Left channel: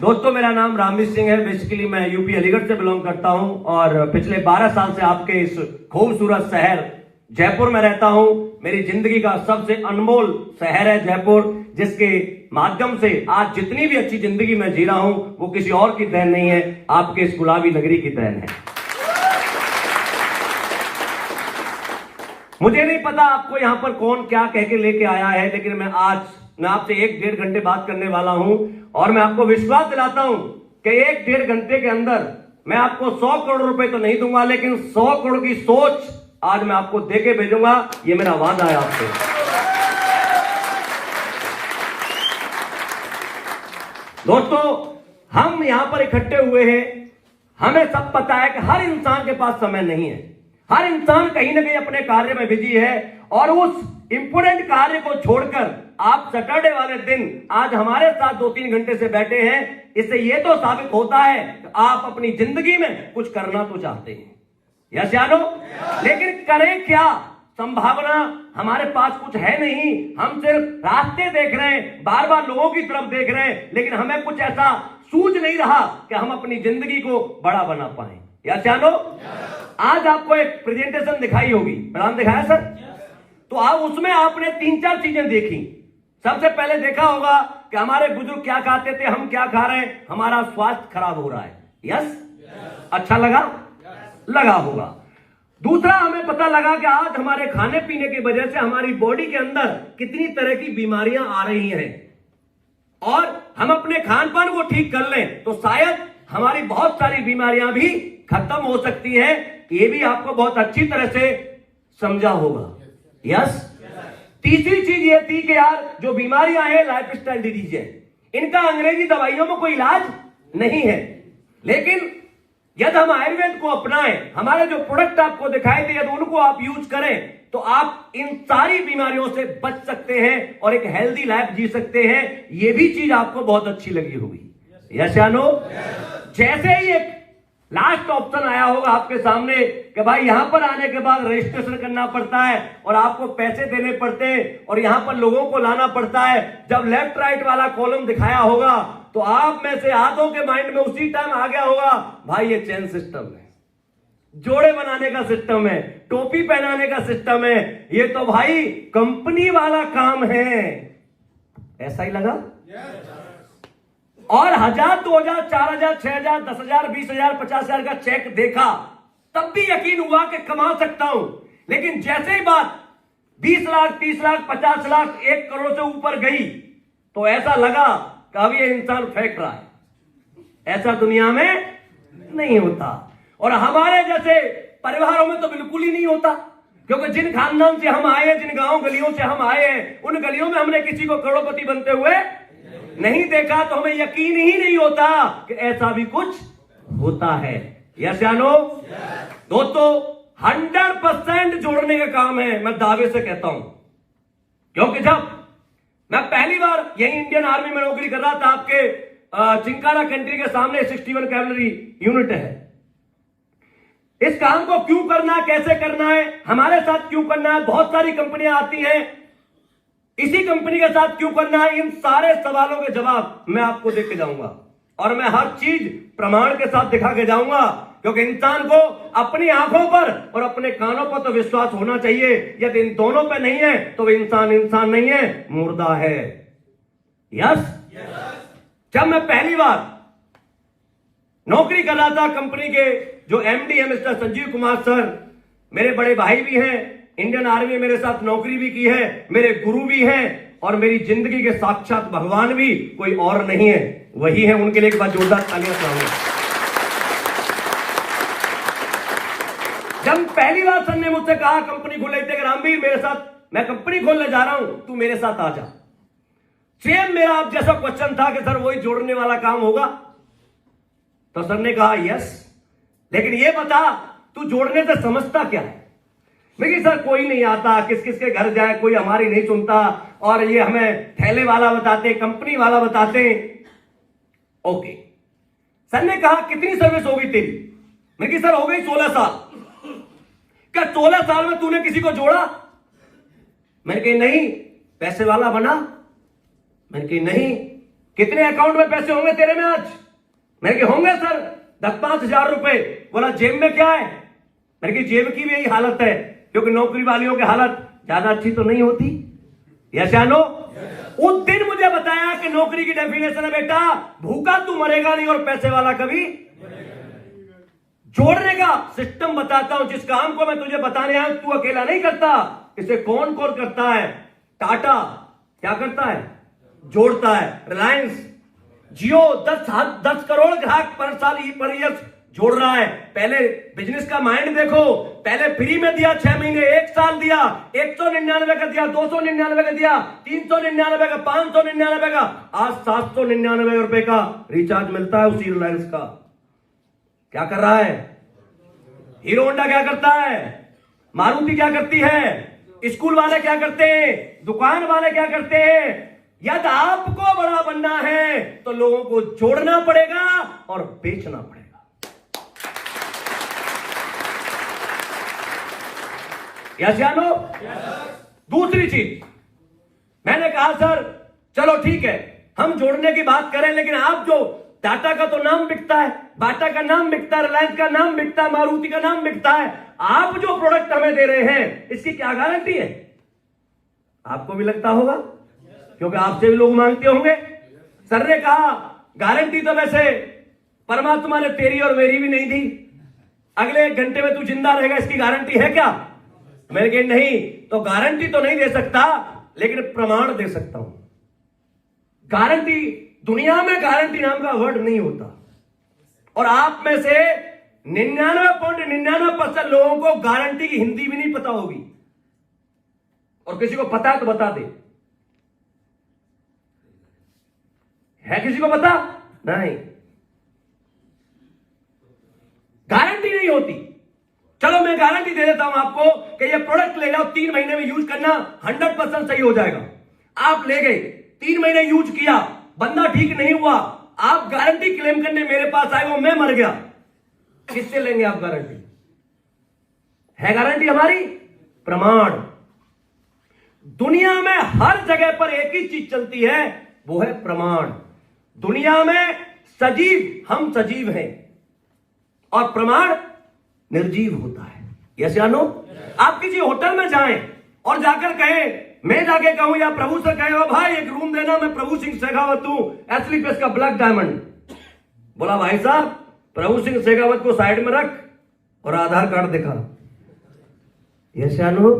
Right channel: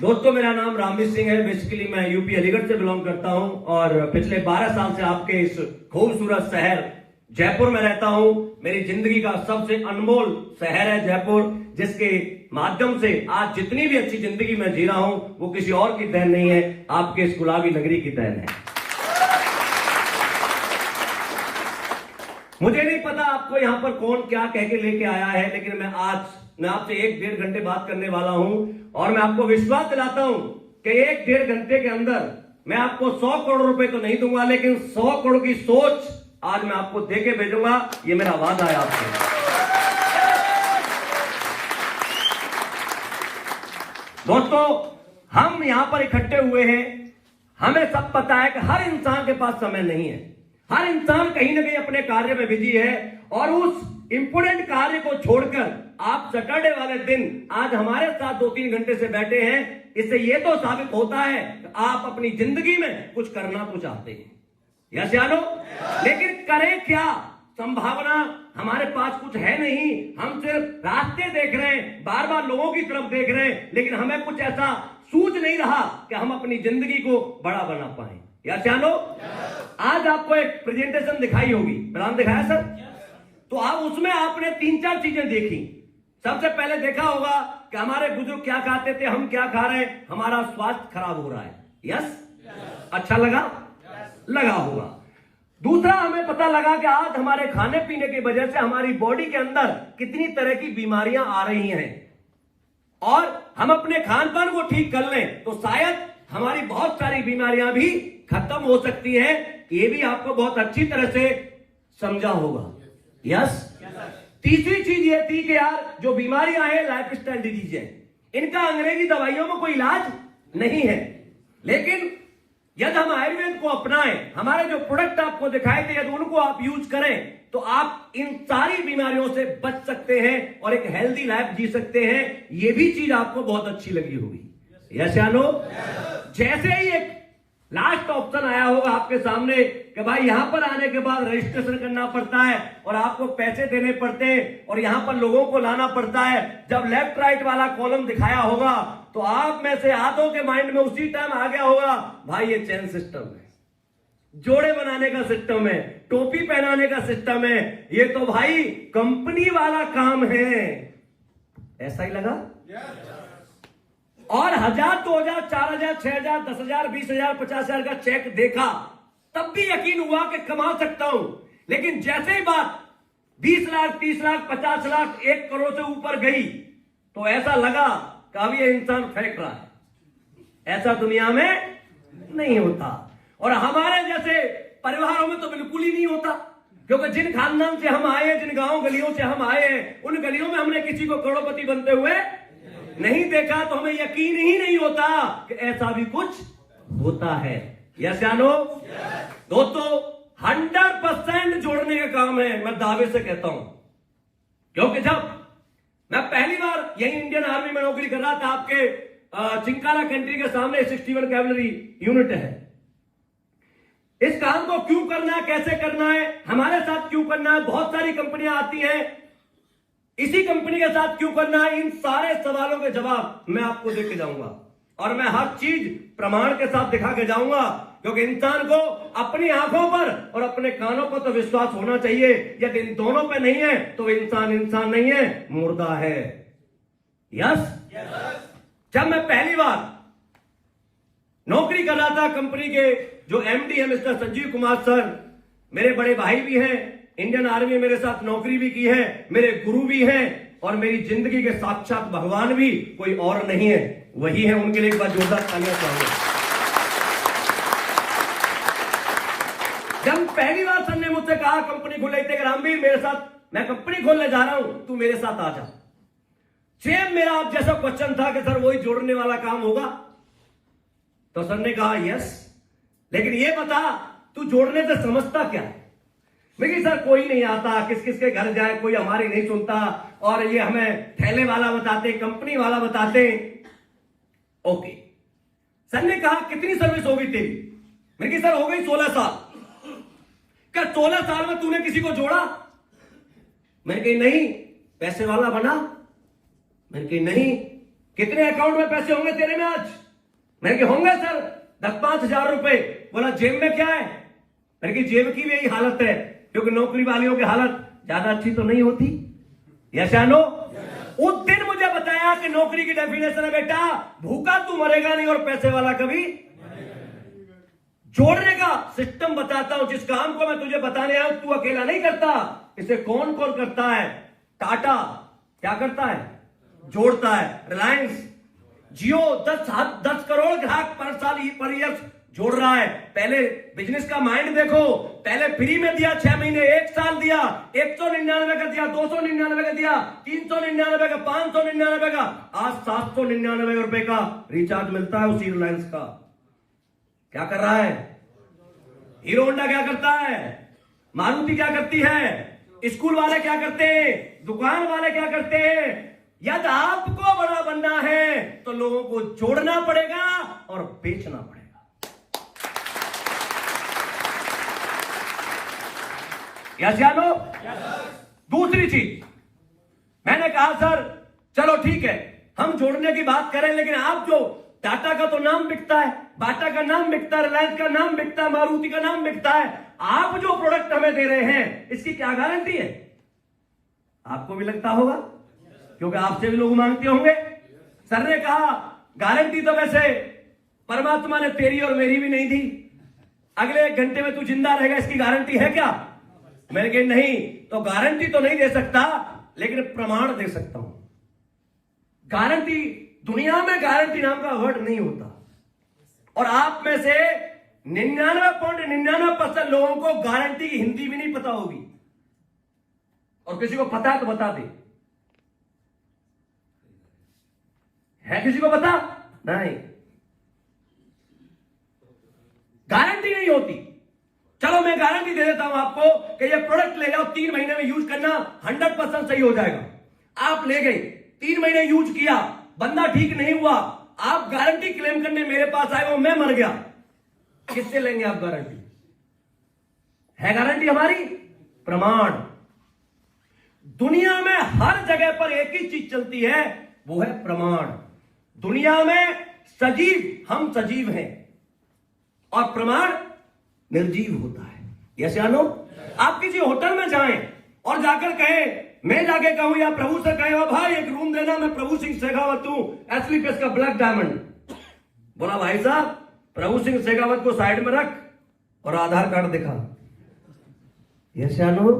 दोस्तों, मेरा नाम रामवीर सिंह है। बेसिकली मैं यूपी अलीगढ़ से बिलोंग करता हूं और पिछले 12 साल से आपके इस खूबसूरत शहर जयपुर में रहता हूं। मेरी जिंदगी का सबसे अनमोल शहर है जयपुर, जिसके माध्यम से आज जितनी भी अच्छी जिंदगी मैं जी रहा हूं वो किसी और की देन नहीं है, आपके इस गुलाबी नगरी की देन है। मुझे नहीं पता आपको यहां पर कौन क्या कह के लेके आया है, लेकिन मैं आपसे 1-1.5 घंटे बात करने वाला हूं और मैं आपको विश्वास दिलाता हूं कि 1-1.5 घंटे के अंदर मैं आपको 100 करोड़ रुपए तो नहीं दूंगा, लेकिन 100 करोड़ की सोच आज मैं आपको देके भेजूंगा। ये मेरा वादा है आपसे। दोस्तों, हम यहां पर इकट्ठे हुए हैं, हमें सब पता है कि हर इंसान के पास समय नहीं है। हर इंसान कहीं ना कहीं अपने कार्य में बिजी है और उस इंपोर्टेंट कार्य को छोड़कर आप सैटरडे वाले दिन आज हमारे साथ 2-3 घंटे से बैठे हैं। इससे यह तो साबित होता है कि आप अपनी जिंदगी में कुछ करना तो चाहते हैं, यस या नो? लेकिन करें क्या? संभावना हमारे पास कुछ है नहीं। हम सिर्फ रास्ते देख रहे हैं, बार बार लोगों की तरफ देख रहे हैं, लेकिन हमें कुछ ऐसा सूझ नहीं रहा कि हम अपनी जिंदगी को बड़ा बना पाए, यस या नो? आज आपको एक प्रेजेंटेशन दिखाई होगी, प्लान दिखाया सर? तो आप उसमें आपने 3-4 चीजें देखी। सबसे पहले देखा होगा कि हमारे बुजुर्ग क्या खाते थे, हम क्या खा रहे हैं, हमारा स्वास्थ्य खराब हो रहा है, यस? अच्छा लगा होगा। दूसरा, हमें पता लगा कि आज हमारे खाने पीने की वजह से हमारी बॉडी के अंदर कितनी तरह की बीमारियां आ रही हैं और हम अपने खान पान को ठीक कर लें तो शायद हमारी बहुत सारी बीमारियां भी खत्म हो सकती हैं। ये भी आपको बहुत अच्छी तरह से समझा होगा, यस? तीसरी चीज ये थी कि यार जो बीमारियां हैं लाइफस्टाइल डिजीज है, इनका अंग्रेजी दवाइयों में कोई इलाज नहीं है। लेकिन यदि हम आयुर्वेद को अपनाएं, हमारे जो प्रोडक्ट आपको दिखाई दे यदि उनको आप यूज करें तो आप इन सारी बीमारियों से बच सकते हैं और एक हेल्दी लाइफ जी सकते हैं। ये भी चीज आपको बहुत अच्छी लगी होगी, यस या नो? जैसे ही एक लास्ट ऑप्शन आया होगा आपके सामने कि भाई यहां पर आने के बाद रजिस्ट्रेशन करना पड़ता है और आपको पैसे देने पड़ते हैं और यहां पर लोगों को लाना पड़ता है। जब लेफ्ट राइट वाला कॉलम दिखाया होगा तो आप में से आधों के माइंड में उसी टाइम आ गया होगा, भाई ये चेन सिस्टम है, जोड़े बनाने का सिस्टम है, टोपी पहनाने का सिस्टम है, ये तो भाई कंपनी वाला काम है। ऐसा ही लगा? और 1,000, 2,000, 4,000, 6,000, 10,000, 20,000, 50,000 का चेक देखा तब भी यकीन हुआ कि कमा सकता हूं। लेकिन जैसे ही बात 20 लाख, 30 लाख, 50 लाख, 1 करोड़ से ऊपर गई तो ऐसा लगा कि अब ये इंसान फेंक रहा है। ऐसा दुनिया में नहीं होता और हमारे जैसे परिवारों में तो बिल्कुल ही नहीं होता, क्योंकि जिन खानदान से हम आए हैं, जिन गांव गलियों से हम आए हैं, उन गलियों में हमने किसी को करोड़पति बनते हुए नहीं देखा, तो हमें यकीन ही नहीं होता कि ऐसा भी कुछ होता है, यस या नो? दोस्तों, 100% जोड़ने का काम है, मैं दावे से कहता हूं। क्योंकि जब मैं पहली बार यही इंडियन आर्मी में नौकरी कर रहा था, आपके चिंकारा कंट्री के सामने 61 कैवलरी यूनिट है। इस काम को क्यों करना है, कैसे करना है, हमारे साथ क्यों करना है, बहुत सारी कंपनियां आती हैं, इसी कंपनी के साथ क्यों करना है, इन सारे सवालों के जवाब मैं आपको देके जाऊंगा और मैं हर चीज प्रमाण के साथ दिखा के जाऊंगा। क्योंकि इंसान को अपनी आंखों पर और अपने कानों पर तो विश्वास होना चाहिए। यदि इन दोनों पे नहीं है तो इंसान नहीं है, मुर्दा है, यस? जब मैं पहली बार नौकरी कर रहा था, कंपनी के जो एमडी है मिस्टर संजीव कुमार सर, मेरे बड़े भाई भी हैं, इंडियन आर्मी में मेरे साथ नौकरी भी की है, मेरे गुरु भी हैं और मेरी जिंदगी के साक्षात भगवान भी कोई और नहीं है, वही है। उनके लिए एक बार जोरदार तालियां चाहूंगा। जब पहली बार सर ने मुझसे कहा कंपनी खोल लेते, रामवीर मेरे साथ, मैं कंपनी खोलने जा रहा हूं, तू मेरे साथ आ जा। सेम मेरा आप जैसा क्वेश्चन था कि सर वही जोड़ने वाला काम होगा? तो सर ने कहा यस, लेकिन ये बता तू जोड़ने से समझता क्या है? मैं सर कोई नहीं आता, किस किस के घर जाए, कोई हमारी नहीं सुनता और ये हमें ठेले वाला बताते, कंपनी वाला बताते। ओके, सर ने कहा कितनी सर्विस हो गई तेरी? मैं सर हो गई 16 साल। क्या 16 साल में तूने किसी को जोड़ा? मैंने कही नहीं। पैसे वाला बना? मैंने कही नहीं। कितने अकाउंट में पैसे होंगे तेरे में आज? मैंने कहा होंगे सर 10-5 हजार रुपए। बोला जेब में क्या है? मैंने कहा जेब की भी यही हालत है, क्योंकि नौकरी वालियों की हालत ज्यादा अच्छी तो नहीं होती। यस या नो? उस दिन मुझे बताया कि नौकरी की डेफिनेशन है बेटा, भूखा तू मरेगा नहीं और पैसे वाला कभी जोड़ने का सिस्टम बताता हूं। जिस काम को मैं तुझे बताने आया तू अकेला नहीं करता, इसे कौन कौन करता है? टाटा क्या करता है? जोड़ता है। रिलायंस जियो 10 करोड़ ग्राहक पर साल पर ईयर जोड़ रहा है। पहले बिजनेस का माइंड देखो, पहले फ्री में दिया 6 महीने, 1 साल दिया, 199 का दिया, 299 का दिया, 399 का, 599 का, आज 799 रुपए का रिचार्ज मिलता है उसी रिलायंस का। क्या कर रहा है? हीरो होंडा क्या करता है? मारुति क्या करती है? स्कूल वाले क्या करते हैं? दुकान वाले क्या करते हैं? यदि आपको बड़ा बनना है तो लोगों को जोड़ना पड़ेगा और बेचना पड़ेगा। यस या नो? दूसरी चीज मैंने कहा सर चलो ठीक है हम जोड़ने की बात करें, लेकिन आप जो टाटा का तो नाम बिकता है, बाटा का नाम बिकता है, रिलायंस का नाम बिकता है, मारुति का नाम बिकता है, आप जो प्रोडक्ट हमें दे रहे हैं इसकी क्या गारंटी है? आपको भी लगता होगा, क्योंकि आपसे भी लोग मांगते होंगे। सर ने कहा गारंटी तो वैसे परमात्मा ने तेरी और मेरी भी नहीं दी, अगले 1 घंटे में तू जिंदा रहेगा, इसकी गारंटी है क्या? मैंने कहा नहीं, तो गारंटी तो नहीं दे सकता, लेकिन प्रमाण दे सकता हूं। गारंटी, दुनिया में गारंटी नाम का वर्ड नहीं होता, और आप में से 99.99% लोगों को गारंटी की हिंदी भी नहीं पता होगी, और किसी को पता है तो बता दे। है किसी को पता? नहीं, गारंटी नहीं होती। चलो मैं गारंटी दे देता हूं आपको कि ये प्रोडक्ट ले जाओ, 3 महीने में यूज करना, 100% सही हो जाएगा। आप ले गए, 3 महीने यूज किया, बंदा ठीक नहीं हुआ, आप गारंटी क्लेम करने मेरे पास आए हो, मैं मर गया, किससे लेंगे आप गारंटी? है गारंटी हमारी? प्रमाण। दुनिया में हर जगह पर एक ही चीज चलती है, वो है प्रमाण। दुनिया में सजीव, हम सजीव हैं, और प्रमाण निर्जीव होता है। यस या नो? आप किसी होटल में जाएं और जाकर कहें, मैं जाके कहूं या प्रभु से कहें, ओ भाई एक रूम देना, मैं प्रभु सिंह शेखावत हूं, एसली पेस का ब्लैक डायमंड। बोला भाई साहब प्रभु सिंह शेखावत को साइड में रख और आधार कार्ड दिखा। यस या नो?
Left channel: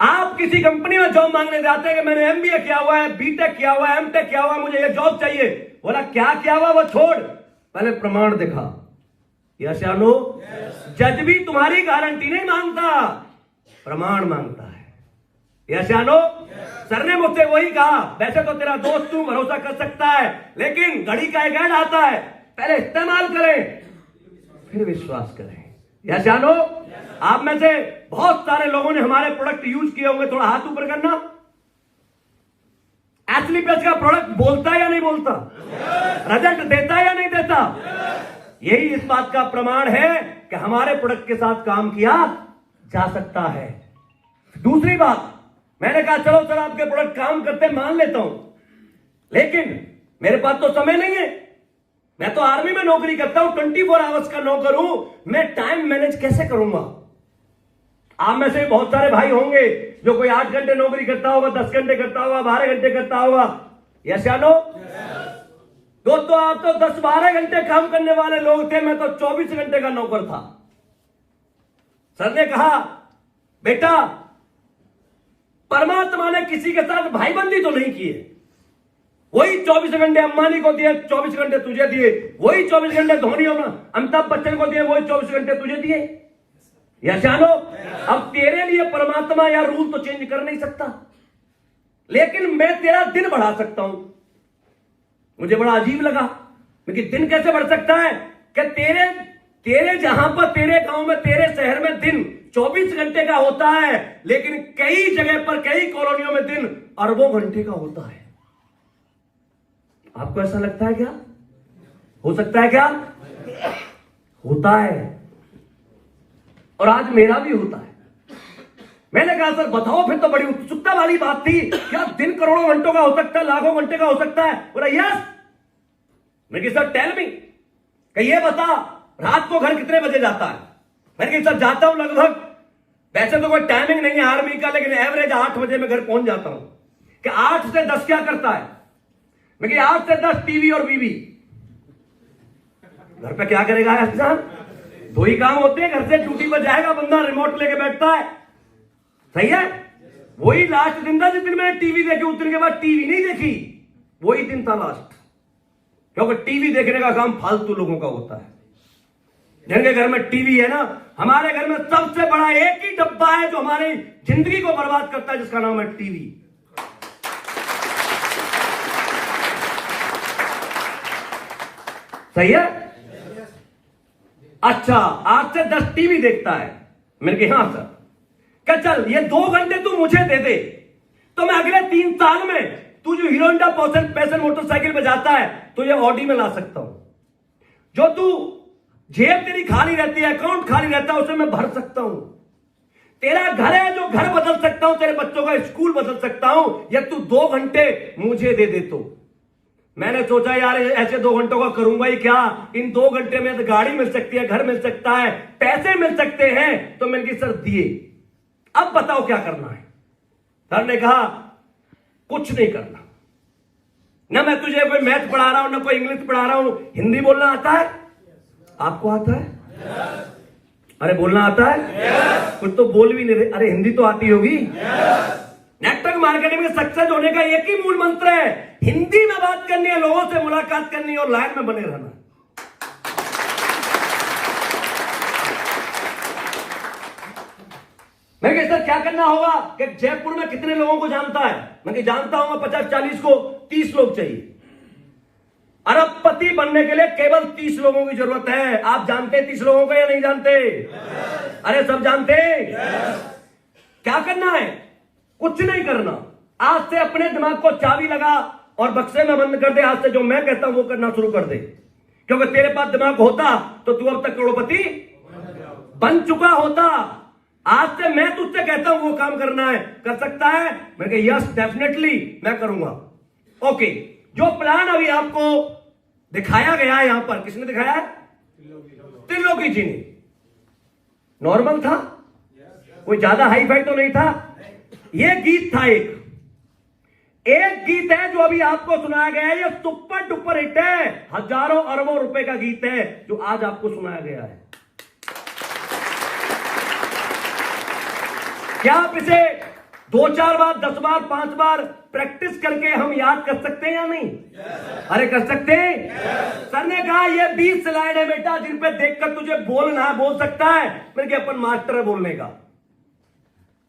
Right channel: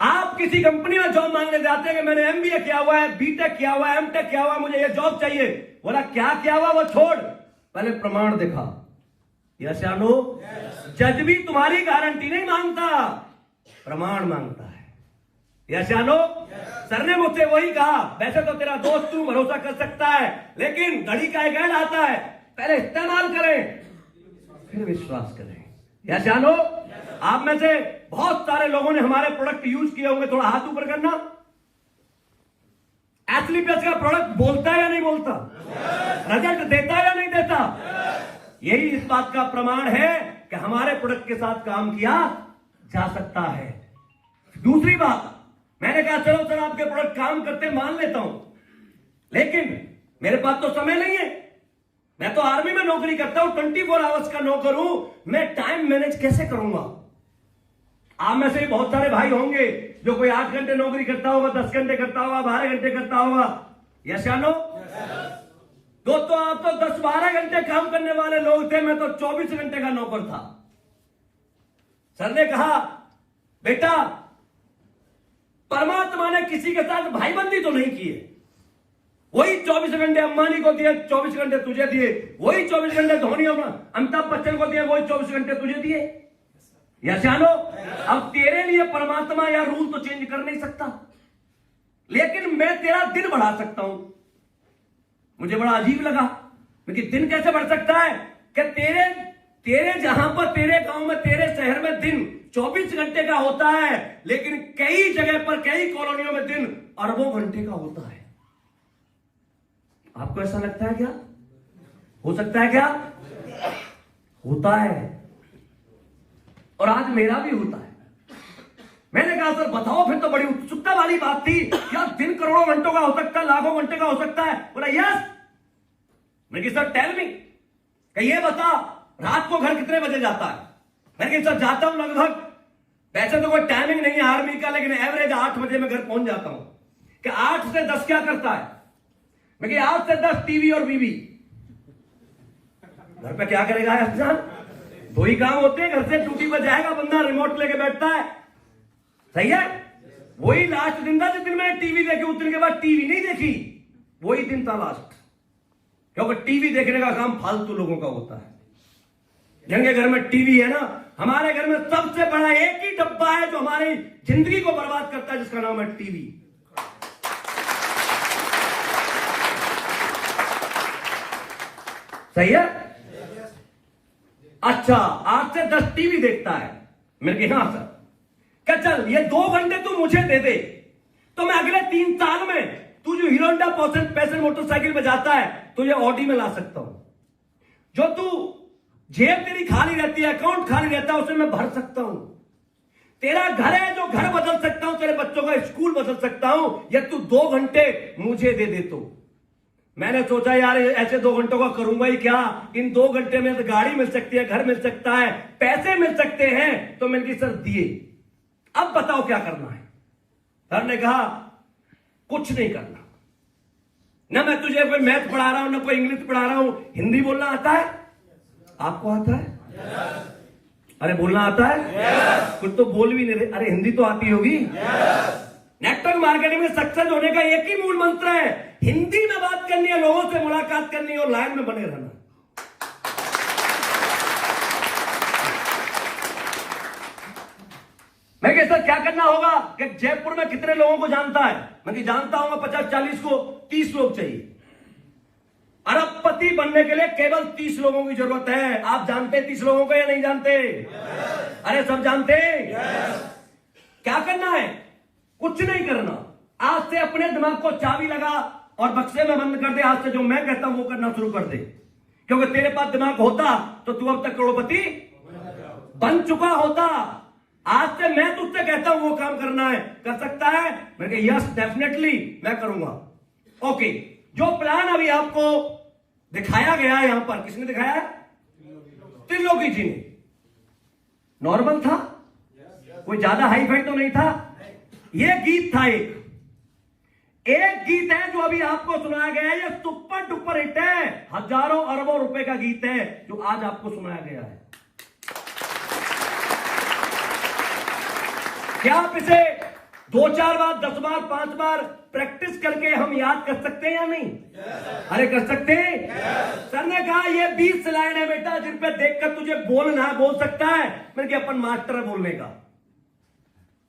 आप किसी कंपनी में जॉब मांगने जाते हैं कि मैंने एमबीए किया हुआ है, बीटेक किया हुआ है, एमटेक किया हुआ है, मुझे ये जॉब चाहिए। बोला क्या किया हुआ, वो छोड़, पहले प्रमाण दिखा। यस या नो? जज भी तुम्हारी गारंटी नहीं मांगता, प्रमाण मांगता है। यस या नो? सर ने मुझसे वही कहा, वैसे तो तेरा दोस्त तू भरोसा कर सकता है, लेकिन घड़ी का एक ऐड आता है, पहले इस्तेमाल करें फिर विश्वास करें। यस या नो? आप में से बहुत सारे लोगों ने हमारे प्रोडक्ट यूज किए होंगे, थोड़ा हाथ ऊपर करना। एसली पेस का प्रोडक्ट बोलता है या नहीं बोलता? रिजल्ट देता है या नहीं देता? यही इस बात का प्रमाण है कि हमारे प्रोडक्ट के साथ काम किया जा सकता है। दूसरी बात, मैंने कहा चलो सर आपके प्रोडक्ट काम करते मान लेता हूं, लेकिन मेरे पास तो समय नहीं है, मैं तो आर्मी में नौकरी करता हूं, 24 आवर्स का नौकर हूं, मैं टाइम मैनेज कैसे करूंगा? आप में से बहुत सारे भाई होंगे जो कोई 8 घंटे नौकरी करता होगा, 10 घंटे करता होगा, 12 घंटे करता होगा। यस या नो? दोस्तों आप तो 10-12 घंटे काम करने वाले लोग थे, मैं तो 24 घंटे का नौकर था। सर ने कहा बेटा परमात्मा ने किसी के साथ भाईबंदी तो नहीं की है, वही 24 घंटे अंबानी को दिए, 24 घंटे तुझे दिए, वही 24 घंटे धोनी और अमिताभ बच्चन को दिए, वही 24 घंटे तुझे दिए। यस या नो? अब तेरे लिए परमात्मा या रूल तो चेंज कर नहीं सकता, लेकिन मैं तेरा दिन बढ़ा सकता हूं। मुझे बड़ा अजीब लगा, लेकिन दिन कैसे बढ़ सकता है कि तेरे जहां पर, तेरे गांव में, तेरे शहर में दिन 24 घंटे का होता है, लेकिन कई जगह पर, कई कॉलोनियों में दिन अरबों घंटे का होता है। आपको ऐसा लगता है क्या? हो सकता है क्या? होता है, और आज मेरा भी होता है। मैंने कहा सर बताओ, फिर तो बड़ी उत्सुकता वाली बात थी, क्या दिन करोड़ों घंटों का हो सकता है, लाखों घंटे का हो सकता है? बोला यस। मैं सर टेल मी, ये बता रात को घर कितने बजे जाता है? मैं सर जाता हूं लगभग, वैसे तो कोई टाइमिंग नहीं है आर्मी का, लेकिन एवरेज 8 बजे मैं घर पहुंच जाता हूं। कि 8 से 10 क्या करता है? मैं 8 से 10 टीवी और बीवी। घर पे क्या करेगा इंसान? दो ही काम होते हैं, घर से ड्यूटी पर जाएगा बंदा, रिमोट लेके बैठता है, सही है? वही लास्ट दिन था जिस दिन मैंने टीवी देखी, उस दिन के बाद टीवी नहीं देखी, वही दिन था लास्ट। क्योंकि टीवी देखने का काम फालतू लोगों का होता है। जिनके घर में टीवी है ना, हमारे घर में सबसे बड़ा एक ही डब्बा है जो हमारी जिंदगी को बर्बाद करता है, जिसका नाम है टीवी। सही है? अच्छा, 8 से 10 टीवी देखता है। मैंने कहा हाँ सर। क्या चल ये 2 घंटे तू मुझे दे दे, तो मैं अगले 3 साल में तू जो हीरो होंडा पैशन मोटरसाइकिल में जाता है तो ये ऑडी में ला सकता हूं। जो तू जेब तेरी खाली रहती है, अकाउंट खाली रहता है, उसे मैं भर सकता हूं। तेरा घर है जो घर बदल सकता हूं, तेरे बच्चों का स्कूल बदल सकता हूं, या तू 2 घंटे मुझे दे दे। तो मैंने सोचा यार ऐसे 2 घंटों का करूंगा ही क्या, इन 2 घंटे में तो गाड़ी मिल सकती है, घर मिल सकता है, पैसे मिल सकते हैं। तो मैंने कहा सर दिए, अब बताओ क्या करना है? सर ने कहा कुछ नहीं करना, ना मैं तुझे कोई मैथ पढ़ा रहा हूं, ना कोई इंग्लिश पढ़ा रहा हूं। हिंदी बोलना आता है? आपको आता है? अरे बोलना आता है? कुछ तो बोल भी नहीं रहे। अरे हिंदी तो आती होगी। नेटवर्क मार्केटिंग में सक्सेस होने का एक ही मूल मंत्र है, हिंदी में बात करनी है, लोगों से मुलाकात करनी है और लाइन में बने रहना। मैं कहता क्या करना होगा कि जयपुर में कितने लोगों को जानता है? मैं जानता हूं 50-40 को, 30 लोग चाहिए। अरबपति बनने के लिए केवल 30 लोगों की जरूरत है। आप जानते 30 लोगों को या नहीं जानते? अरे सब जानते। क्या करना है? कुछ नहीं करना। आज से अपने दिमाग को चाबी लगा और बक्से में बंद कर दे। आज से जो मैं कहता हूं वो करना शुरू कर दे, क्योंकि तेरे पास दिमाग होता तो तू अब तक करोड़पति बन चुका होता। आज से मैं तुझसे कहता हूं वो काम करना है, कर सकता है? मैंने कहा यस डेफिनेटली मैं करूंगा। ओके, जो प्लान अभी आपको दिखाया गया है यहां पर, किसने दिखाया है? त्रिलोकी जी ने। नॉर्मल था, कोई ज्यादा हाई फाई तो नहीं था। यह गीत था, एक गीत है जो अभी आपको सुनाया गया है। यह सुपर डुपर हिट है, हजारों अरबों रुपए का गीत है जो आज आपको सुनाया गया है। क्या आप इसे 2-4 बार, 10 बार, 5 बार प्रैक्टिस करके हम याद कर सकते हैं या नहीं? अरे कर सकते हैं। सर ने कहा ये 20 स्लाइड है बेटा, जिन पे देखकर तुझे बोलना है, बोल सकता है। मेरे के अपन मास्टर है बोलने का,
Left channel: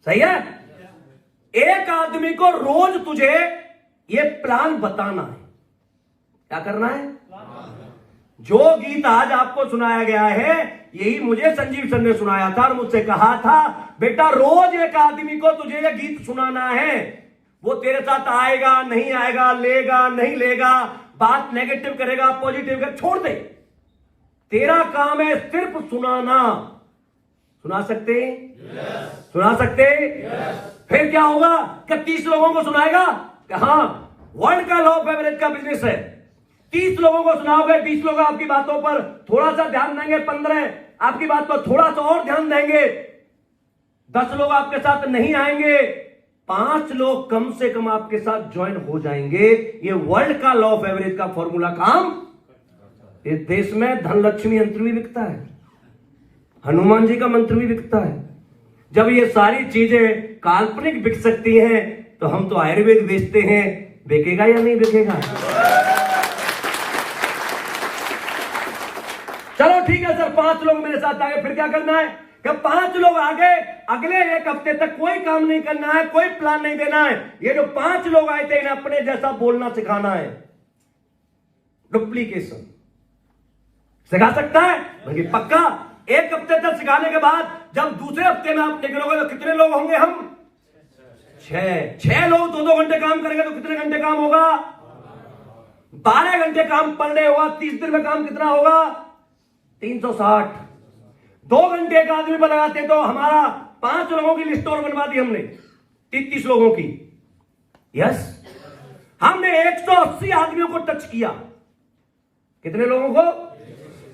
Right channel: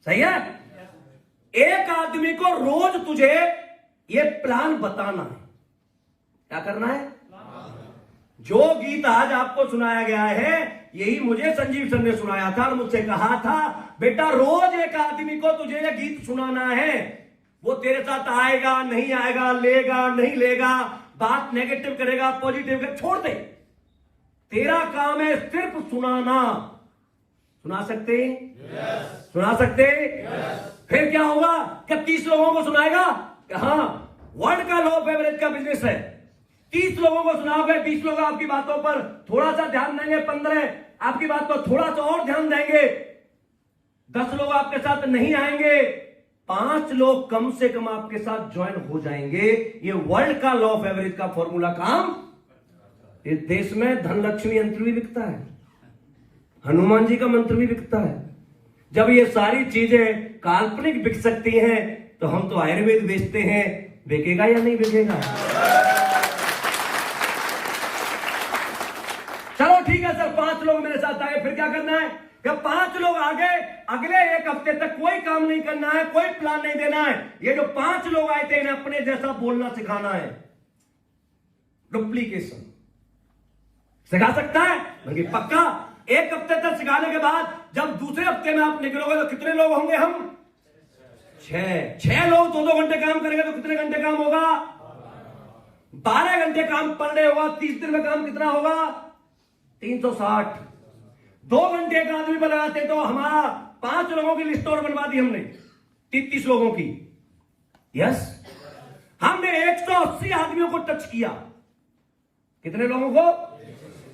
सही है? एक आदमी को रोज तुझे ये प्लान बताना है। क्या करना है? जो गीत आज आपको सुनाया गया है, यही मुझे संजीव सर ने सुनाया था और मुझसे कहा था बेटा रोज एक आदमी को तुझे ये गीत सुनाना है। वो तेरे साथ आएगा नहीं आएगा, लेगा नहीं लेगा, बात नेगेटिव करेगा पॉजिटिव कर, छोड़ दे। तेरा काम है सिर्फ सुनाना। सुना सकते? सुना सकते? फिर क्या होगा कि 30 लोगों को सुनाएगा? हाँ, वर्ल्ड का लॉ ऑफ एवरेज का बिजनेस है। 30 लोगों को सुनाओगे, 20 लोग आपकी बातों पर थोड़ा सा ध्यान देंगे, 15 आपकी बात पर थोड़ा सा और ध्यान देंगे, 10 लोग आपके साथ नहीं आएंगे, 5 लोग कम से कम आपके साथ ज्वाइन हो जाएंगे। ये वर्ल्ड का लॉ ऑफ एवरेज का फॉर्मूला काम इस देश में धनलक्ष्मी यंत्र भी बिकता है, हनुमान जी का मंत्र भी बिकता है। जब ये सारी चीजें काल्पनिक बिक सकती हैं तो हम तो आयुर्वेद बेचते हैं, बिकेगा या नहीं बिकेगा? चलो ठीक है सर, 5 लोग मेरे साथ आगे, फिर क्या करना है? कि 5 लोग आगे, अगले 1 हफ्ते तक कोई काम नहीं करना है, कोई प्लान नहीं देना है। ये जो 5 लोग आए थे इन्हें अपने जैसा बोलना सिखाना है। डुप्लीकेशन सिखा सकता है? बल्कि पक्का 1 हफ्ते तक सिखाने के बाद जब दूसरे हफ्ते में आप निकलोगे तो कितने लोग होंगे? हम 6 लोग 2-2 घंटे काम करेंगे तो कितने घंटे काम होगा? 12 घंटे काम पर डे होगा। 30 दिन में काम कितना होगा? 360। 2 घंटे एक आदमी पर लगाते तो हमारा 5 लोगों की लिस्ट और बनवा दी हमने, 30 लोगों की। यस, हमने 180 आदमियों को टच किया। कितने लोगों को?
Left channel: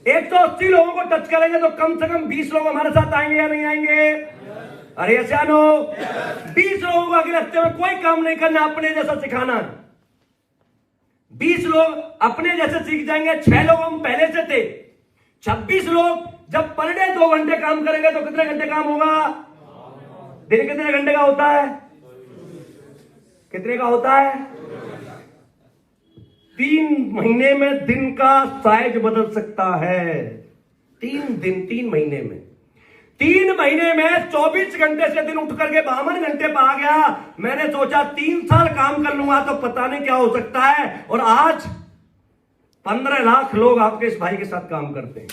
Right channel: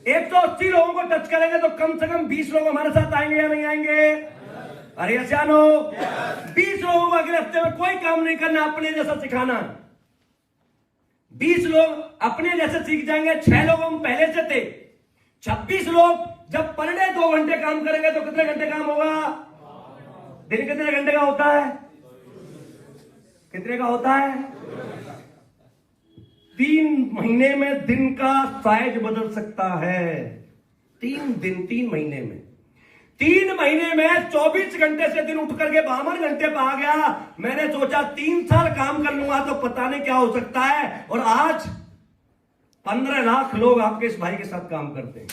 180 लोगों को टच करेंगे तो कम से कम 20 लोग हमारे साथ आएंगे या नहीं आएंगे? अरे ऐसा 20 लोगों को अगले हफ्ते में कोई काम नहीं करना, अपने जैसा सिखाना है। 20 लोग अपने जैसे सीख जाएंगे। 6 लोग हम पहले से थे। 26 लोग जब पर डे 2 घंटे काम करेंगे तो कितने घंटे काम होगा? दिन कितने घंटे का होता है? कितने का होता है? 3 महीने में दिन का साइज बदल सकता है। 3 महीने में 3 महीने में 24 घंटे से दिन उठ करके 52 घंटे पर आ गया। मैंने सोचा 3 साल काम कर लूंगा तो पता नहीं क्या हो सकता है, और आज 15 लाख लोग आपके इस भाई के साथ काम करते हैं।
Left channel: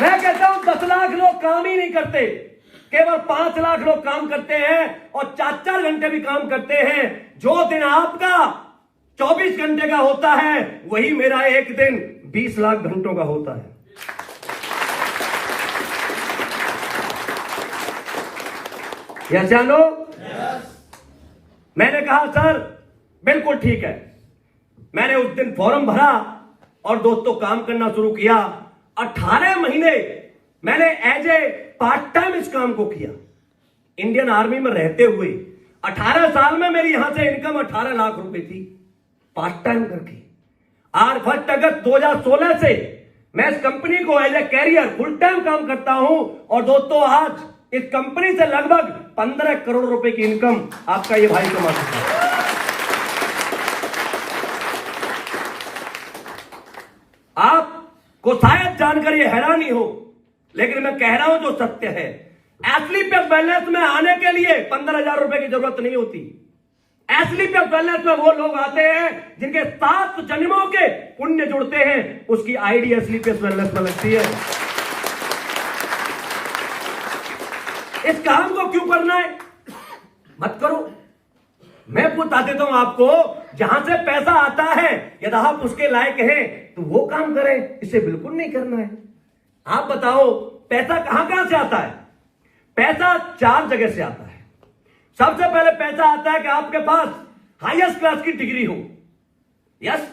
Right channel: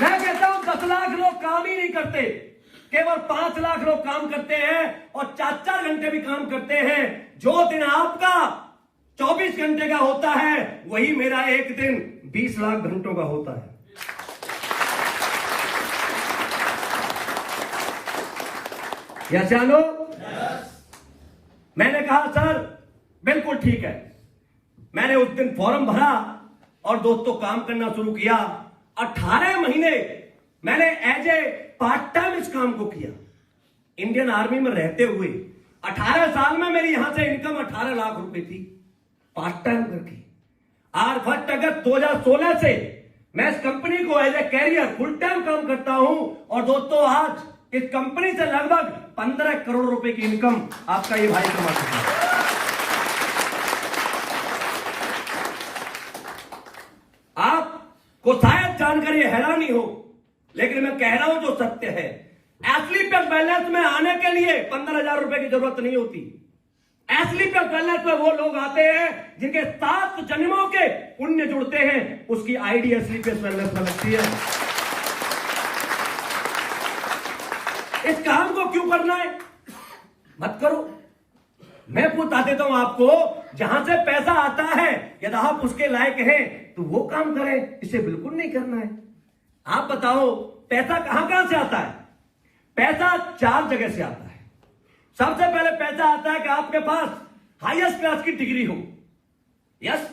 मैं कहता हूं 10 लाख लोग काम ही नहीं करते, केवल 5 लाख लोग काम करते हैं और 4-4 घंटे भी काम करते हैं। जो दिन आपका 24 घंटे का होता है वही मेरा एक दिन 20 लाख घंटों का होता है। यस जानो? मैंने कहा सर बिल्कुल ठीक है। मैंने उस दिन फॉर्म भरा और दोस्तों काम करना शुरू किया। 18 महीने मैंने एज ए पार्ट टाइम इस काम को किया। इंडियन आर्मी में रहते हुए 18 साल में मेरी यहां से इनकम 18 लाख रुपए थी, पार्ट टाइम करके। और 1 अगस्त 2016 से मैं इस कंपनी को as a career full time काम करता हूं। और दोस्तों आज इस कंपनी से लगभग 15 करोड़ रुपए की इनकम आपका ये भाई कमा चुका है। आपको शायद जानकर ये हैरानी हो, लेकिन मैं कह रहा हूं जो सत्य है। एस्लीपियस वेलनेस में आने के लिए 15,000 रुपए की जरूरत नहीं होती। एस्लीपियस वेलनेस में वो लोग आते हैं जिनके 7 जन्मों के पुण्य जुड़ते हैं, उसकी आईडी एस्लीपियस वेलनेस में लगती है। इस काम को क्यों करना है? मत करो। मैं बता देता हूं आपको, जहां से पैसा आता है यदि आप उसके लायक हैं तो वो काम करें, इसे बिल्कुल नहीं करना है। आप बताओ पैसा कहां से आता है? पैसा 4 जगह से आता है। सबसे पहले पैसा आता है कि आपके पास हाईएस्ट क्लास की डिग्री हो। यस,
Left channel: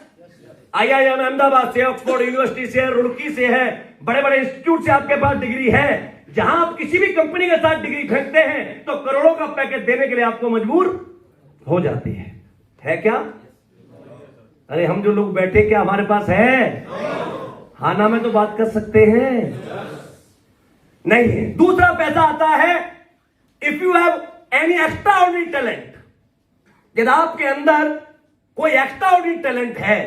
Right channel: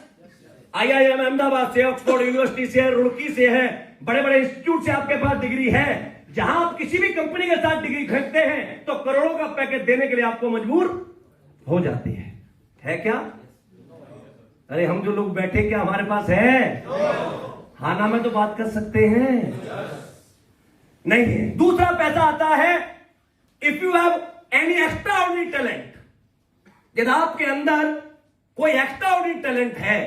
IIM अहमदाबाद से, ऑक्सफोर्ड यूनिवर्सिटी से, रुड़की से है, बड़े बड़े इंस्टीट्यूट से आपके पास डिग्री है। जहां आप किसी भी कंपनी के साथ डिग्री खरीदते हैं तो करोड़ों का पैकेज देने के लिए आपको मजबूर हो जाते हैं। है क्या? अरे हम जो लोग बैठे क्या हमारे पास है? खाना में तो बात कर सकते हैं, नहीं है। दूसरा पैसा आता है if you have any extraordinary talent. यदि आपके अंदर कोई एक्स्ट्राऑर्डिनरी टैलेंट है,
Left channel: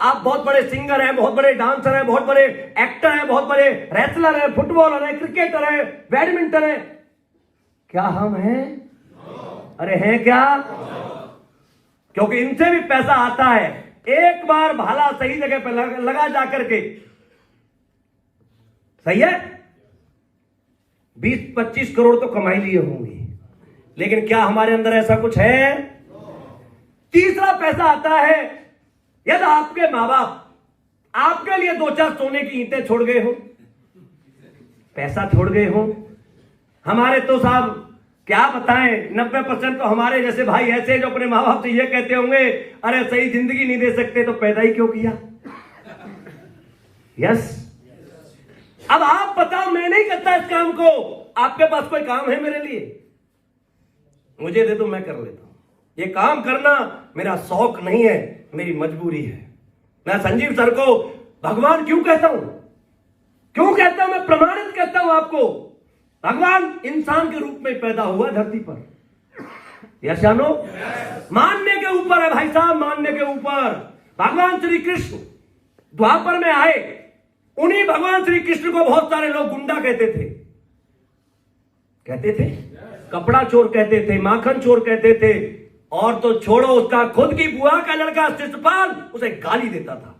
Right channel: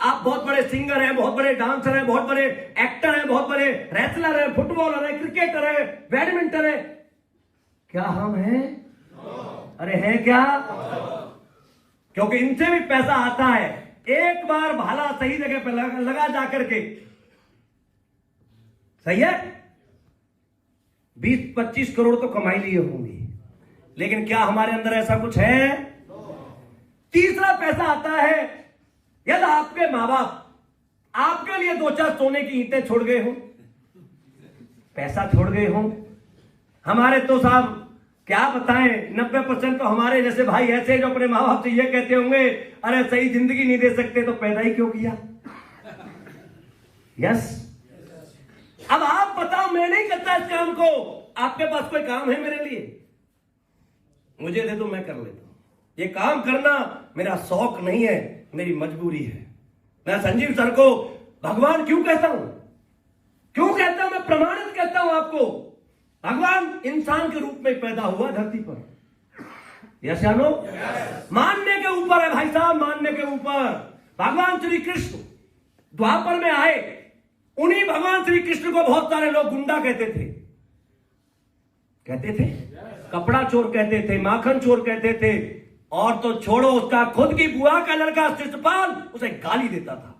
आप बहुत बड़े सिंगर हैं, बहुत बड़े डांसर हैं, बहुत बड़े एक्टर हैं, बहुत बड़े रेसलर हैं, फुटबॉलर हैं, क्रिकेटर हैं, बैडमिंटन है, क्या हम हैं? अरे हैं क्या? क्योंकि इनसे भी पैसा आता है। एक बार भाला सही जगह पर लगा जाकर के, सही है, 20-25 करोड़ तो कमाई लिए होंगे, लेकिन क्या हमारे अंदर ऐसा कुछ है? तीसरा पैसा आता है यदि आपके मां बाप आपके लिए 2-4 सोने की ईंटें छोड़ गए हो, पैसा छोड़ गए हो। हमारे तो साहब क्या बताएं, 90% तो हमारे जैसे भाई ऐसे जो अपने मां बाप से ये कहते होंगे, अरे सही जिंदगी नहीं दे सकते तो पैदा ही क्यों किया? यस। अब आप बताओ, मैं नहीं करता इस काम को, आपके पास कोई काम है मेरे लिए? मुझे दे दो, मैं कर लेता हूं। ये काम करना मेरा शौक नहीं है, मेरी मजबूरी है। मैं संजीव सर को भगवान क्यों कहता हूं? क्यों कहता हूं? मैं प्रमाणित करता हूं आपको, भगवान इंसान के रूप में पैदा हुआ धरती पर। यस या नो? मानने के ऊपर है भाई साहब, मानने के ऊपर। भगवान श्री कृष्ण द्वापर में आए, उन्हीं भगवान श्री कृष्ण को बहुत सारे लोग गुंडा कहते थे, कपड़ा चोर कहते थे, माखन चोर कहते थे, और तो छोड़ो, उसका खुद की बुआ का लड़का शिशुपाल उसे गाली देता था।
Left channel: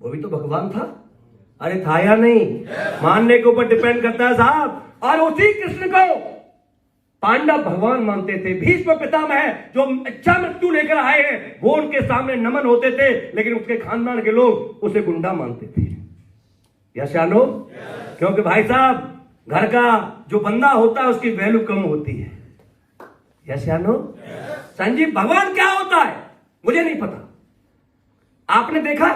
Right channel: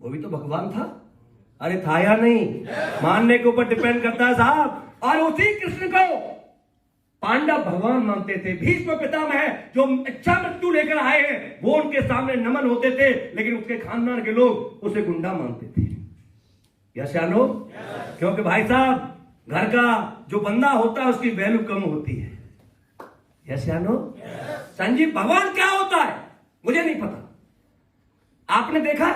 वो भी तो भगवान था। अरे था या नहीं? मानने के ऊपर डिपेंड करता है साहब। और उसी कृष्ण को पांडव भगवान मानते थे, भीष्म पितामह जो इच्छा मृत्यु लेकर आए हैं वो उनके सामने नमन होते थे, लेकिन उसके खानदान के लोग उसे गुंडा मानते थे। यस या नो? क्योंकि भाई साहब घर का जो बंदा होता है उसकी वैल्यू कम होती है। यस या नो? संजीव भगवान क्या होता है मुझे नहीं पता, आपने देखा?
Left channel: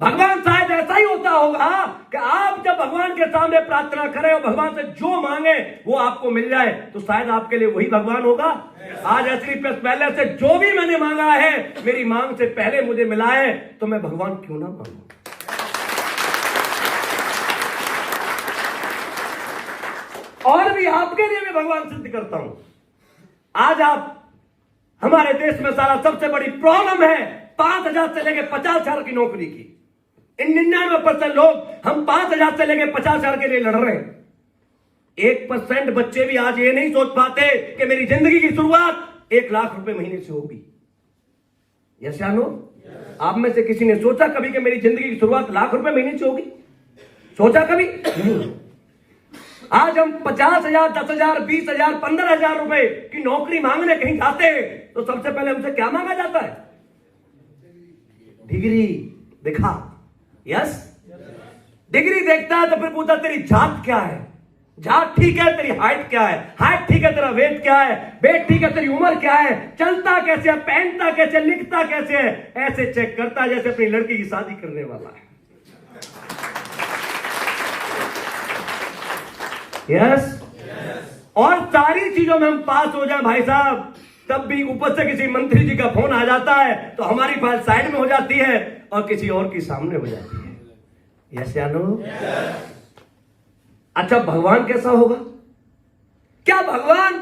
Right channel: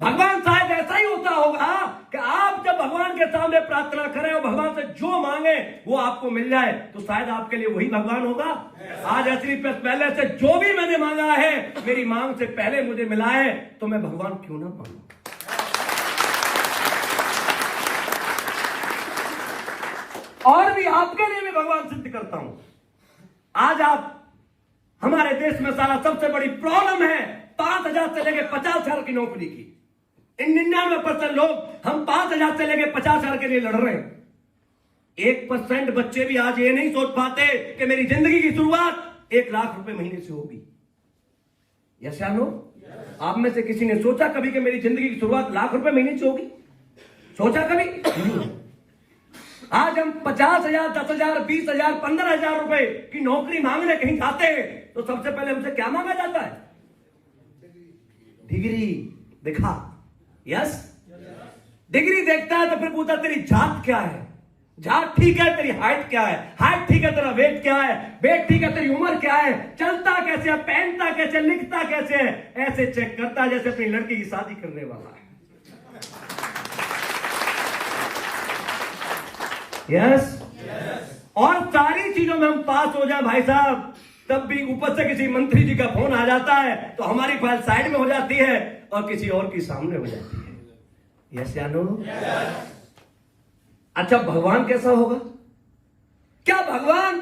भगवान शायद ऐसा ही होता होगा कि आप जब भगवान के सामने प्रार्थना करें और भगवान से जो मांगे वो आपको मिल जाए, तो शायद आपके लिए वही भगवान होगा। आज असली पहले से जो भी मैंने मांगा है मेरी मांग से पहले मुझे मिला है, तो मैं भगवान क्यों ना मांगू। और भी आपके लिए मैं भगवान सिद्ध करता हूं। आज आप हमारे देश में सारा सबसे बड़ी प्रॉब्लम है 5,000 से लेकर 50,000 की नौकरी की। इन 99% लोग हम 5,000 से लेकर 50,000 के लिए लड़ रहे हैं। 1% बच्चे भी आज ये नहीं सोच पाते कि मेरी जिंदगी की शुरुआत 1 लाख रुपए महीने से होगी। यस या नो? आप में से किसी ने सोचा कभी कि मेरी जिंदगी की शुरुआत लाख रुपए महीने से होगी? सोचा कभी? आज हम 50,000, 10,000, 20,000, 15,000 रुपए की नौकरी मांगने कहीं जाते हैं तो सबसे पहले हमसे क्या मांगा जाता है? डिग्री दिखा। यस? डिग्री देखता है तो फिर पूछता तेरी जात क्या है? जात ठीक है, तेरी हाइट क्या है? हाइट ठीक है, तेरा वेट क्या है? वेट ठीक है, तेरी उम्र क्या है? चलता कैसे है? पहनता कैसे? लिखता कैसे है? ऐसे चेक करता है जैसे अपनी लड़की की शादी करने वाला है। यस? और सारी चीजों में हम पास हो जाए भाई साहब, तब भी ऊपर से किसी मंत्री जी का फोन आ जाता है तो हमारी फाइल साइड में हो जाती है और किसी और की सामने हो जाती है। यस या नो? अच्छा भगवान कैसा होगा? क्या भगवान